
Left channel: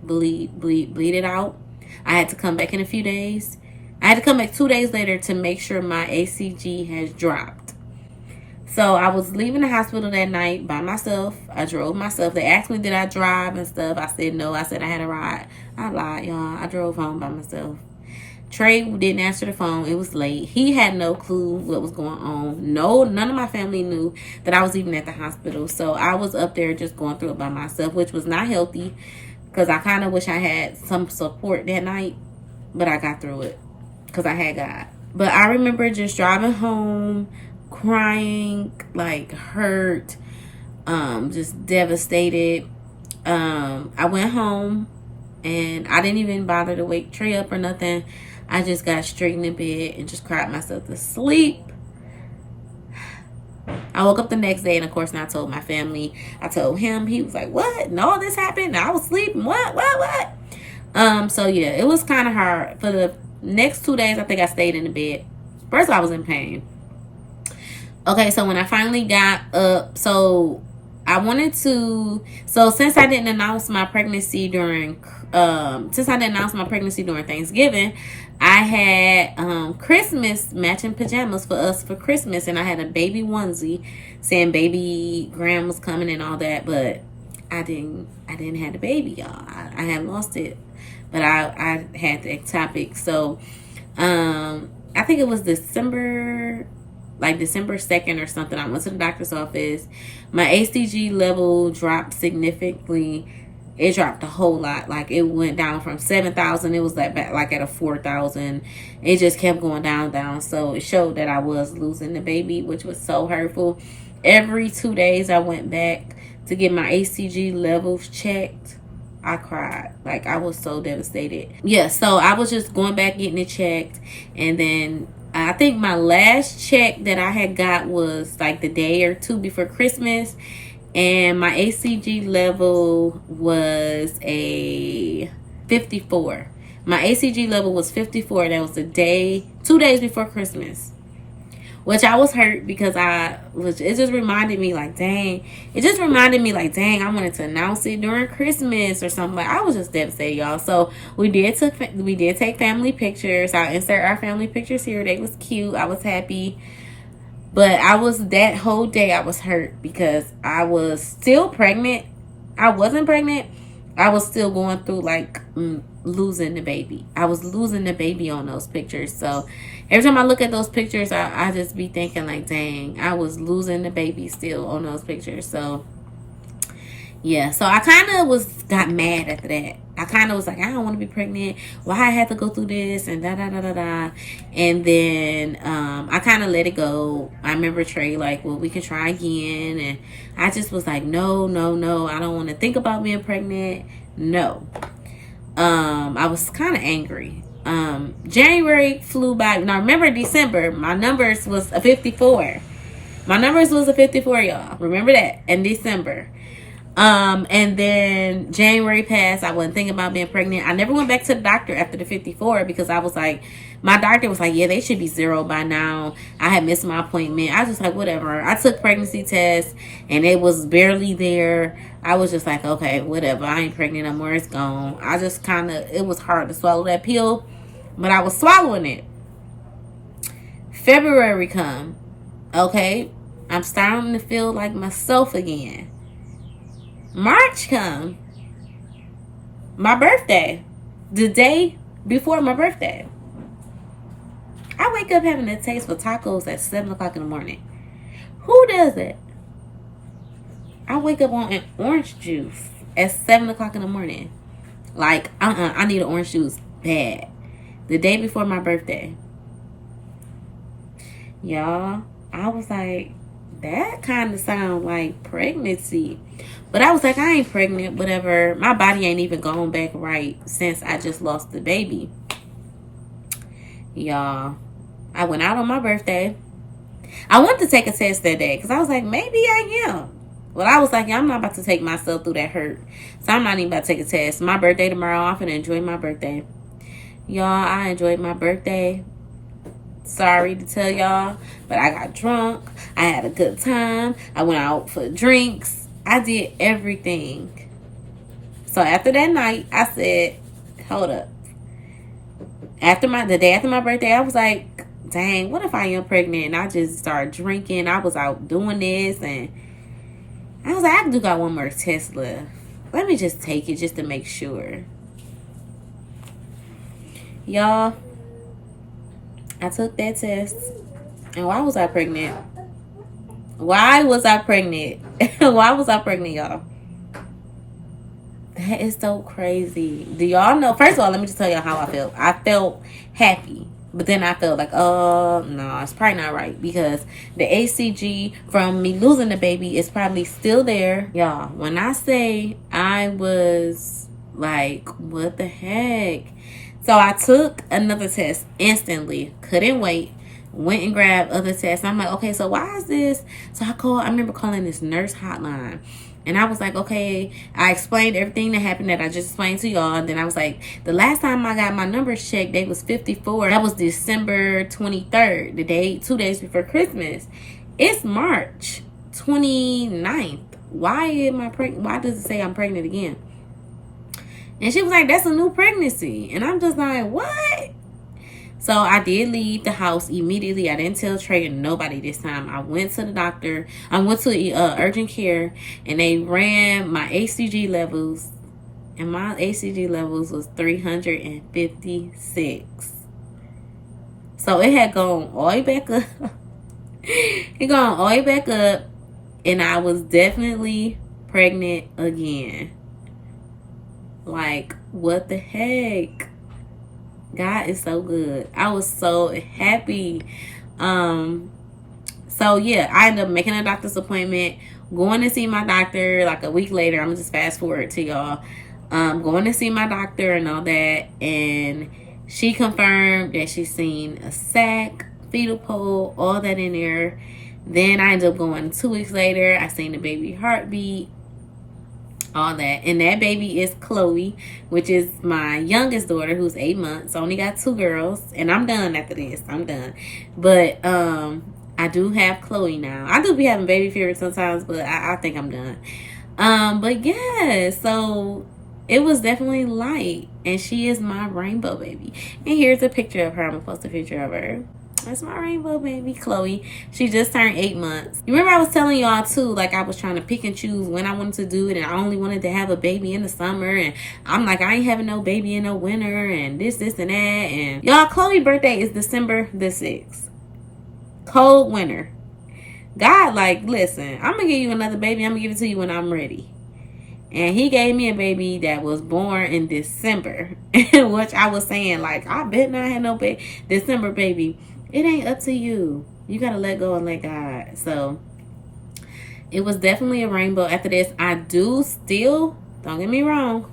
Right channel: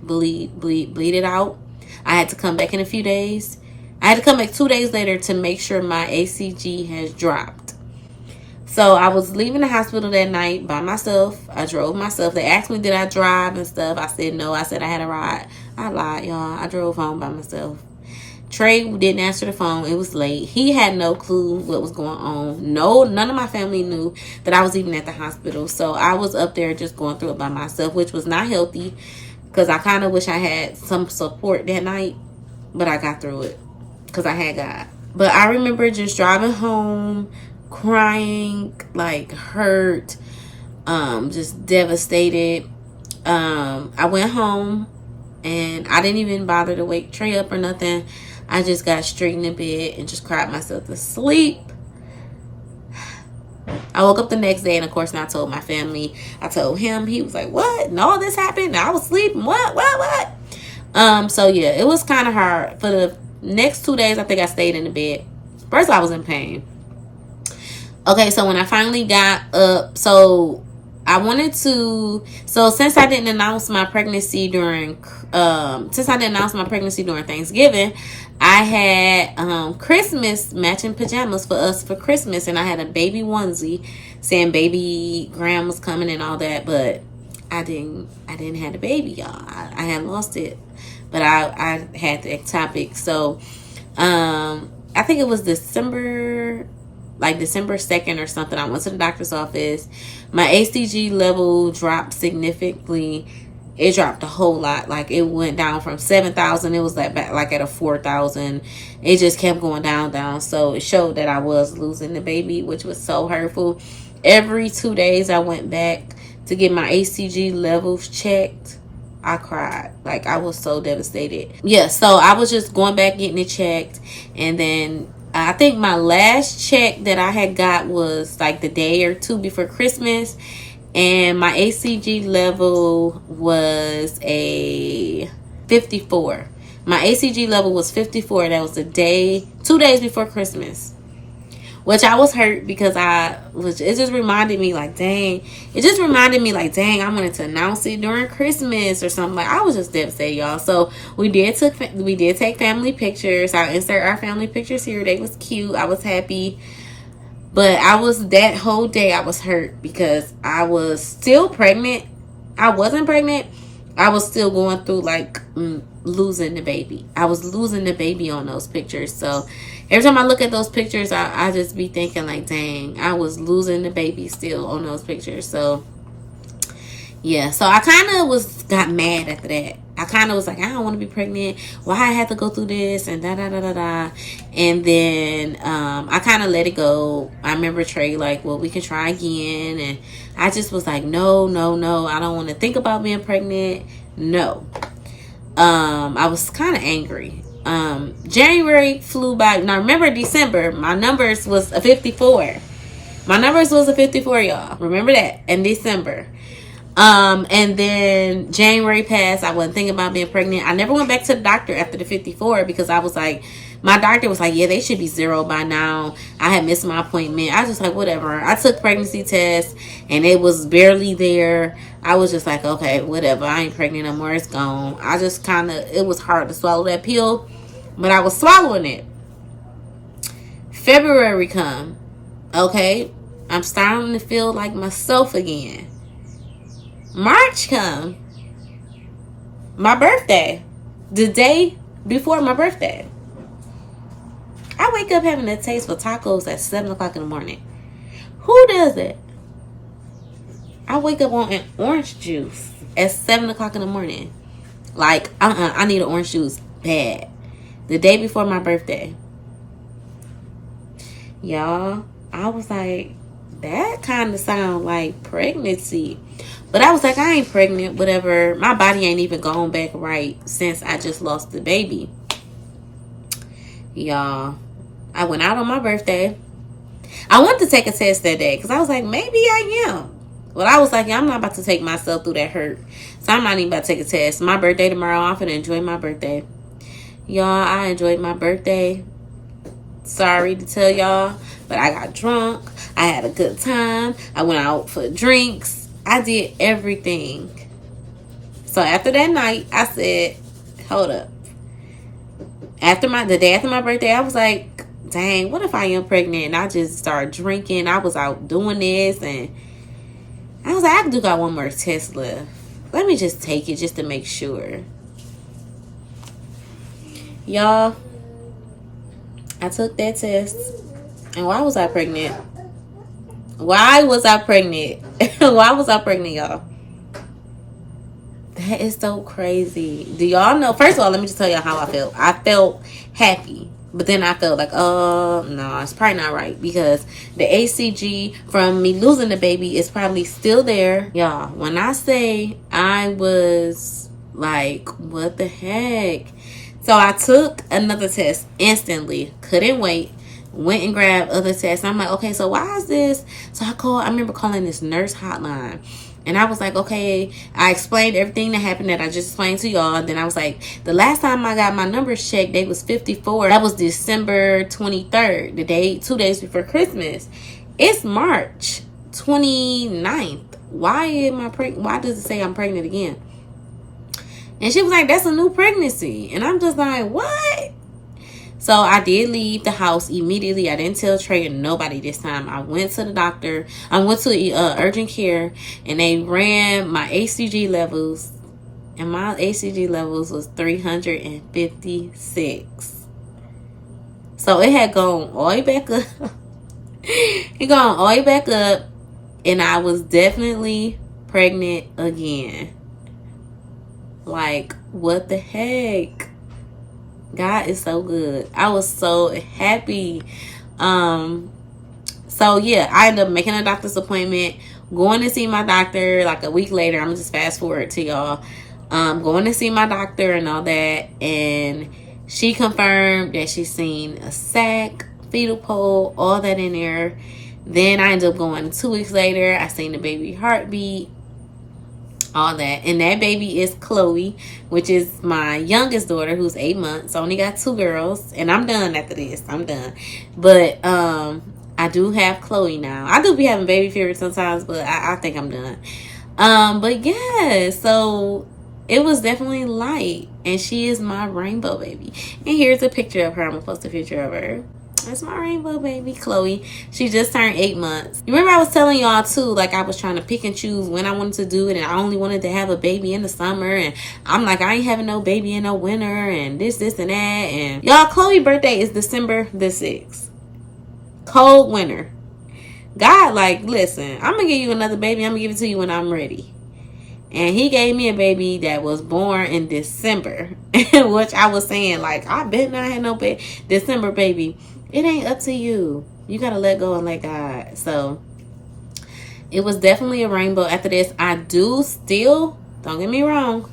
it out. I had to come back in a few days. I had to come back 2 days later to make sure my HCG has dropped. So I was leaving the hospital that night by myself. I drove myself. They asked me, did I drive and stuff? I said no. I said I had a ride. I lied, y'all. I drove home by myself. Trey didn't answer the phone. It was late. He had no clue what was going on. None of my family knew that I was even at the hospital. So I was up there just going through it by myself, which was not healthy, because I kind of wish I had some support that night. But I got through it because I had God. But I remember just driving home, crying, like hurt, just devastated. I went home and I didn't even bother to wake Trey up or nothing. I just got straight in the bed and just cried myself to sleep. I woke up the next day and of course I told my family. I told him. He was like, what? And all this happened? I was sleeping. What? So yeah, it was kind of hard. For the next 2 days, I think I stayed in the bed. First, I was in pain. Okay, so when I finally got up, so since I didn't announce my pregnancy during Thanksgiving, I had Christmas matching pajamas for us for Christmas, and I had a baby onesie saying baby grandma's coming and all that, but I didn't have the baby, y'all. I had lost it, but I had the ectopic. So I think it was December 2nd or something. I went to the doctor's office. My HCG level dropped significantly. It dropped a whole lot. Like, it went down from 7,000. It was like at a 4,000. It just kept going down. So it showed that I was losing the baby, which was so hurtful. Every 2 days I went back to get my HCG levels checked. I cried. Like, I was so devastated. Yeah, so I was just going back getting it checked. And then I think my last check that I had got was like the day or two before Christmas. And my HCG level was a 54. My HCG level was 54. That was 2 days before Christmas. which I was hurt because it just reminded me like, dang, I wanted to announce it during Christmas or something. Like, I was just devastated, y'all. So we did take family pictures. I'll insert our family pictures here. They was cute. I was happy. But that whole day I was hurt because I was still pregnant. I wasn't pregnant. I was still going through like losing the baby. I was losing the baby on those pictures. So every time I look at those pictures, I just be thinking like, dang, I was losing the baby still on those pictures. So yeah, so I kind of got mad after that. I kind of was like, I don't want to be pregnant. Why I had to go through this and da da da da da. And then I kind of let it go. I remember Trey like, well, we can try again. And I just was like, no. I don't want to think about being pregnant. No. I was kind of angry. January flew by. Now remember December, my numbers was a 54. My numbers was a 54, y'all. Remember that in December. And then January passed. I wasn't thinking about being pregnant. I never went back to the doctor after the 54 because I was like, my doctor was like, yeah, they should be 0 by now. I had missed my appointment. I was just like, whatever. I took pregnancy tests and it was barely there. I was just like, okay, whatever. I ain't pregnant no more. It's gone. I just it was hard to swallow that pill, but I was swallowing it. February come. Okay. I'm starting to feel like myself again. March come. My birthday. The day before my birthday. I wake up having a taste for tacos at 7 o'clock in the morning. Who does it? I wake up on an orange juice at 7 o'clock in the morning. Like, I need an orange juice bad. The day before my birthday. Y'all, I was like, that kind of sound like pregnancy. But I was like, I ain't pregnant, whatever. My body ain't even gone back right since I just lost the baby. Y'all, I went out on my birthday. I wanted to take a test that day because I was like, maybe I am. But I was like, yeah, I'm not about to take myself through that hurt. So I'm not even about to take a test. My birthday tomorrow. I'm finna enjoy my birthday. Y'all, I enjoyed my birthday. Sorry to tell y'all, but I got drunk. I had a good time. I went out for drinks. I did everything. So after that night, I said, hold up. The day after my birthday, I was like, dang, what if I am pregnant? And I just started drinking. I was out doing this. And I was like, I do got one more test left. Let me just take it just to make sure. Y'all, I took that test. And why was I pregnant? Why was I pregnant? Why was I pregnant, y'all? That is so crazy. Do y'all know? First of all, let me just tell y'all how I felt. I felt happy. But then I felt like, oh, no, it's probably not right. Because the ACG from me losing the baby is probably still there. Y'all, when I say I was like, what the heck? So I took another test instantly. Couldn't wait. Went and grabbed other tests. I'm like, okay, so why is this? So I remember calling this nurse hotline. And I was like, okay, I explained everything that happened that I just explained to y'all. And then I was like, the last time I got my numbers checked, they was 54. That was December 23rd, 2 days before Christmas. It's March 29th. Why am I pregnant? Why does it say I'm pregnant again? And she was like, that's a new pregnancy. And I'm just like, what? So I did leave the house immediately. I didn't tell Trey and nobody this time. I went to the doctor. I went to urgent care and they ran my ACG levels. And my ACG levels was 356. So it had gone all the way back up. It gone all the way back up. And I was definitely pregnant again. Like, what the heck? God is so good. I was so happy. So yeah, I ended up making a doctor's appointment, going to see my doctor like a week later. I'm gonna just fast forward to y'all. Going to see my doctor and all that, and she confirmed that she's seen a sac, fetal pole, all that in there. Then I ended up going 2 weeks later. I seen the baby heartbeat, all that. And that baby is Chloe, which is my youngest daughter, who's 8 months. I only got 2 girls, and I'm done after this. I'm done. But I do have Chloe now. I do be having baby fever sometimes, but I think I'm done. But yeah, so it was definitely light, and she is my rainbow baby. And here's a picture of her. I'm gonna post a picture of her. That's my rainbow baby, Chloe. She just turned 8 months. You remember I was telling y'all too, like I was trying to pick and choose when I wanted to do it, and I only wanted to have a baby in the summer, and I'm like, I ain't having no baby in the winter, and this, and that. And y'all, Chloe's birthday is December the 6th. Cold winter. God, like, listen, I'm gonna give you another baby. I'm gonna give it to you when I'm ready. And he gave me a baby that was born in December, which I was saying, like, I bet not have no December baby. It ain't up to you. You gotta let go and let God. So it was definitely a rainbow. After this, I do still, don't get me wrong,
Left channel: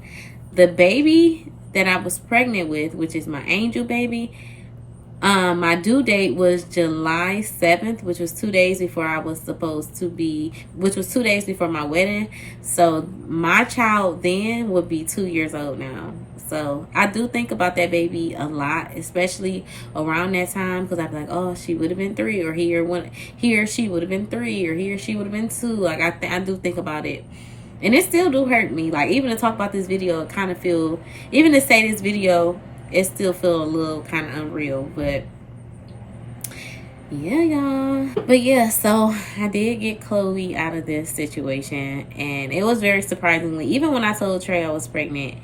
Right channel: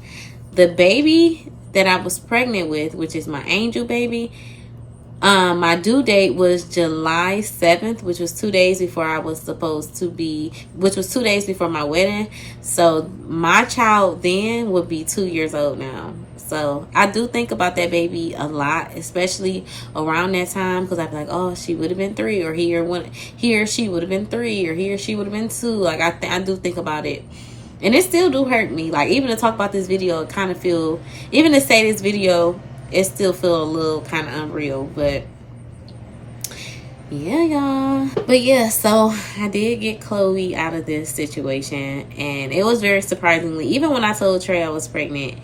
the baby that I was pregnant with, which is my angel baby, my due date was July 7th, which was 2 days before I was supposed to be, which was 2 days before my wedding. So my child then would be 2 years old now. So I do think about that baby a lot, especially around that time, because I'd be like, oh, she would have been 3, or he or she would have been 3, or he or she would have been 2. Like I do think about it. And it still do hurt me. Like, even to talk about this video, it kind of feel, even to say this video, it still feel a little kind of unreal. But yeah, y'all. But yeah, so I did get Chloe out of this situation, and it was very surprisingly, even when I told Trey I was pregnant,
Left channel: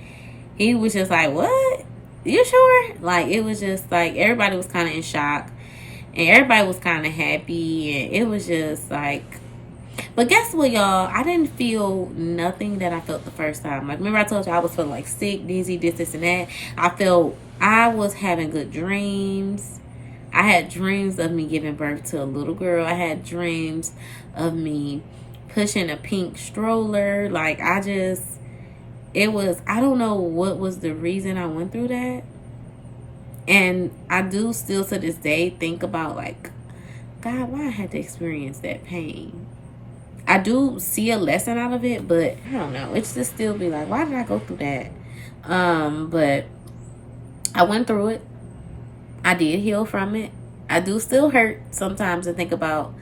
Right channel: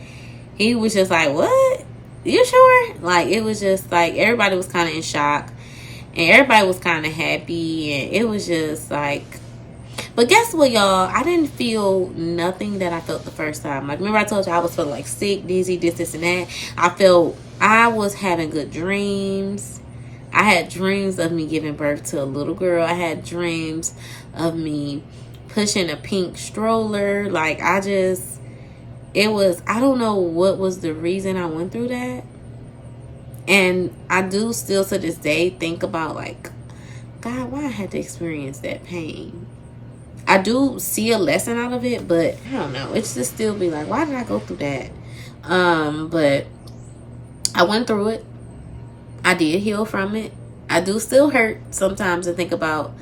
he was just like, what? You sure? Like, it was just like, everybody was kind of in shock, and everybody was kind of happy, and it was just like, but guess what, y'all? I didn't feel nothing that I felt the first time. Like, remember I told you I was feeling like sick, dizzy, this, and that. I was having good dreams. I had dreams of me giving birth to a little girl. I had dreams of me pushing a pink stroller. Like, I don't know what was the reason I went through that. And I do still to this day think about, like, God, why I had to experience that pain. I do see a lesson out of it, but I don't know. It's just still be like, why did I go through that? But I went through it. I did heal from it. I do still hurt sometimes and think about,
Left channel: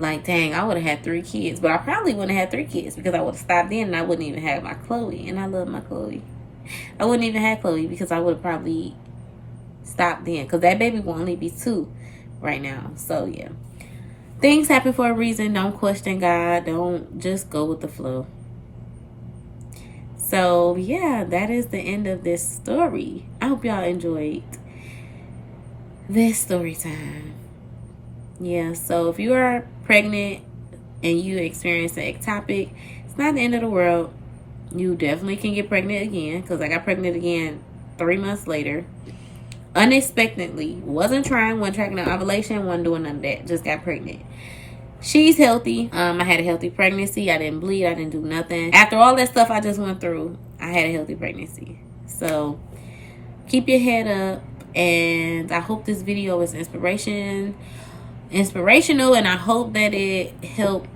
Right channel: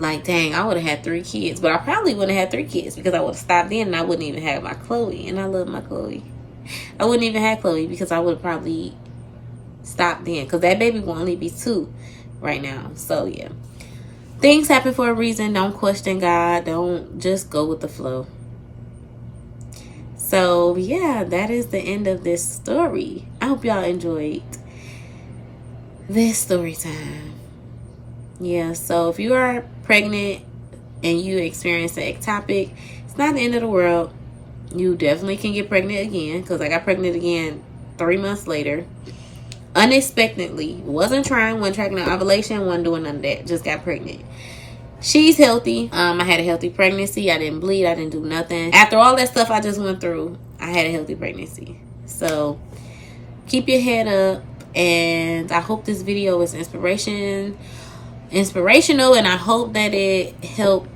like, dang, I would have had 3 kids. But I probably wouldn't have had 3 kids because I would have stopped then, and I wouldn't even have my Chloe. And I love my Chloe. I wouldn't even have Chloe because I would have probably stopped then, because that baby will only be 2 right now. So yeah, things happen for a reason. Don't question God. Don't just go with the flow. So yeah, that is the end of this story. I hope y'all enjoyed this story time. Yeah, so if you are pregnant and you experience an ectopic, it's not the end of the world. You definitely can get pregnant again, because I got pregnant again 3 months later. Unexpectedly. Wasn't trying, wasn't tracking no ovulation, wasn't doing none of that. Just got pregnant. She's healthy. I had a healthy pregnancy. I didn't bleed. I didn't do nothing. After all that stuff I just went through, I had a healthy pregnancy. So keep your head up. And I hope this video is inspirational. And I hope that it helped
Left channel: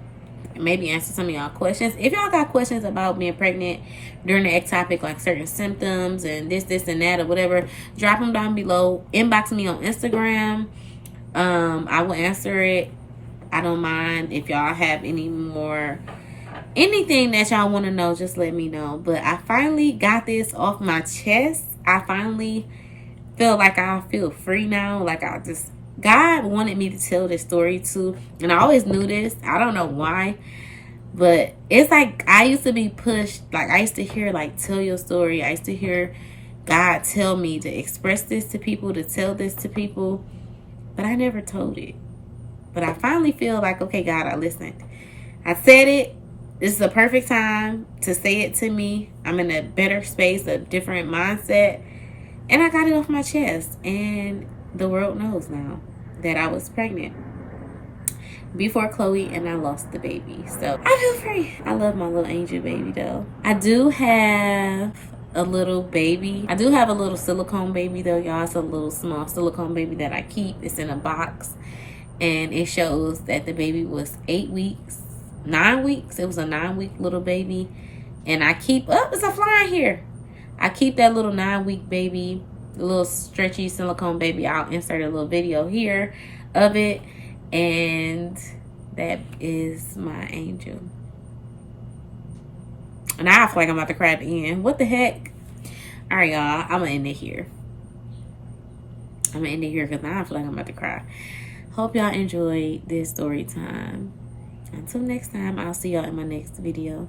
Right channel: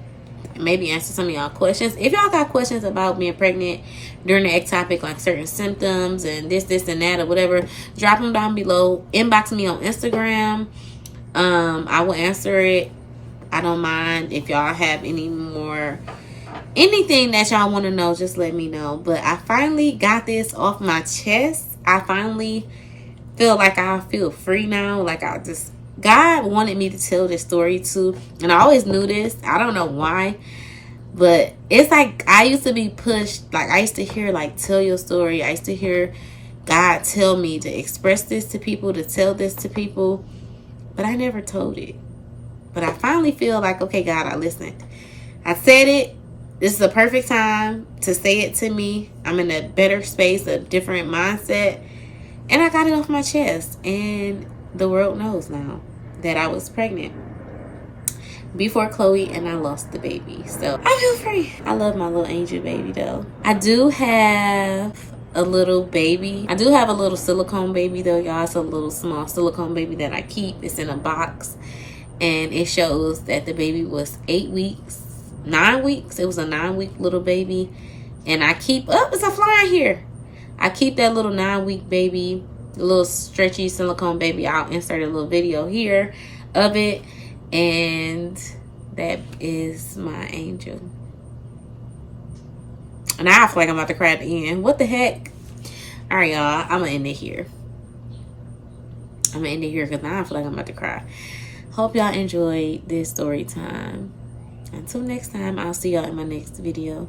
maybe answer some of y'all questions. If y'all got questions about being pregnant during the ectopic, like certain symptoms and this and that or whatever, drop them down below. Inbox me on Instagram. I will answer it. I don't mind. If y'all have anything that y'all want to know, just let me know. But I finally got this off my chest. I finally feel like I feel free now. Like, God wanted me to tell this story too. And I always knew this. I don't know why. But it's like I used to be pushed. Like, I used to hear, like, tell your story. I used to hear God tell me to express this to people, to tell this to people. But I never told it. But I finally feel like, okay, God, I listened. I said it. This is a perfect time to say it to me. I'm in a better space, a different mindset. And I got it off my chest. And the world knows now that I was pregnant before Chloe, and I lost the baby. So I feel free. I love my little angel baby though. I do have a little baby. I do have a little silicone baby though, y'all. It's a little small silicone baby that I keep. It's in a box. And it shows that the baby was 8 weeks, 9 weeks. It was a 9-week little baby. And I keep, it's a fly here. I keep that little 9-week baby, the little stretchy silicone baby. I'll insert a little video here of it. And that is my angel. And I feel like I'm about to cry at the end. What the heck? All right, y'all. I'm going to end it here. Because now I feel like I'm about to cry. Hope y'all enjoyed this story time. Until next time, I'll see y'all in my next video.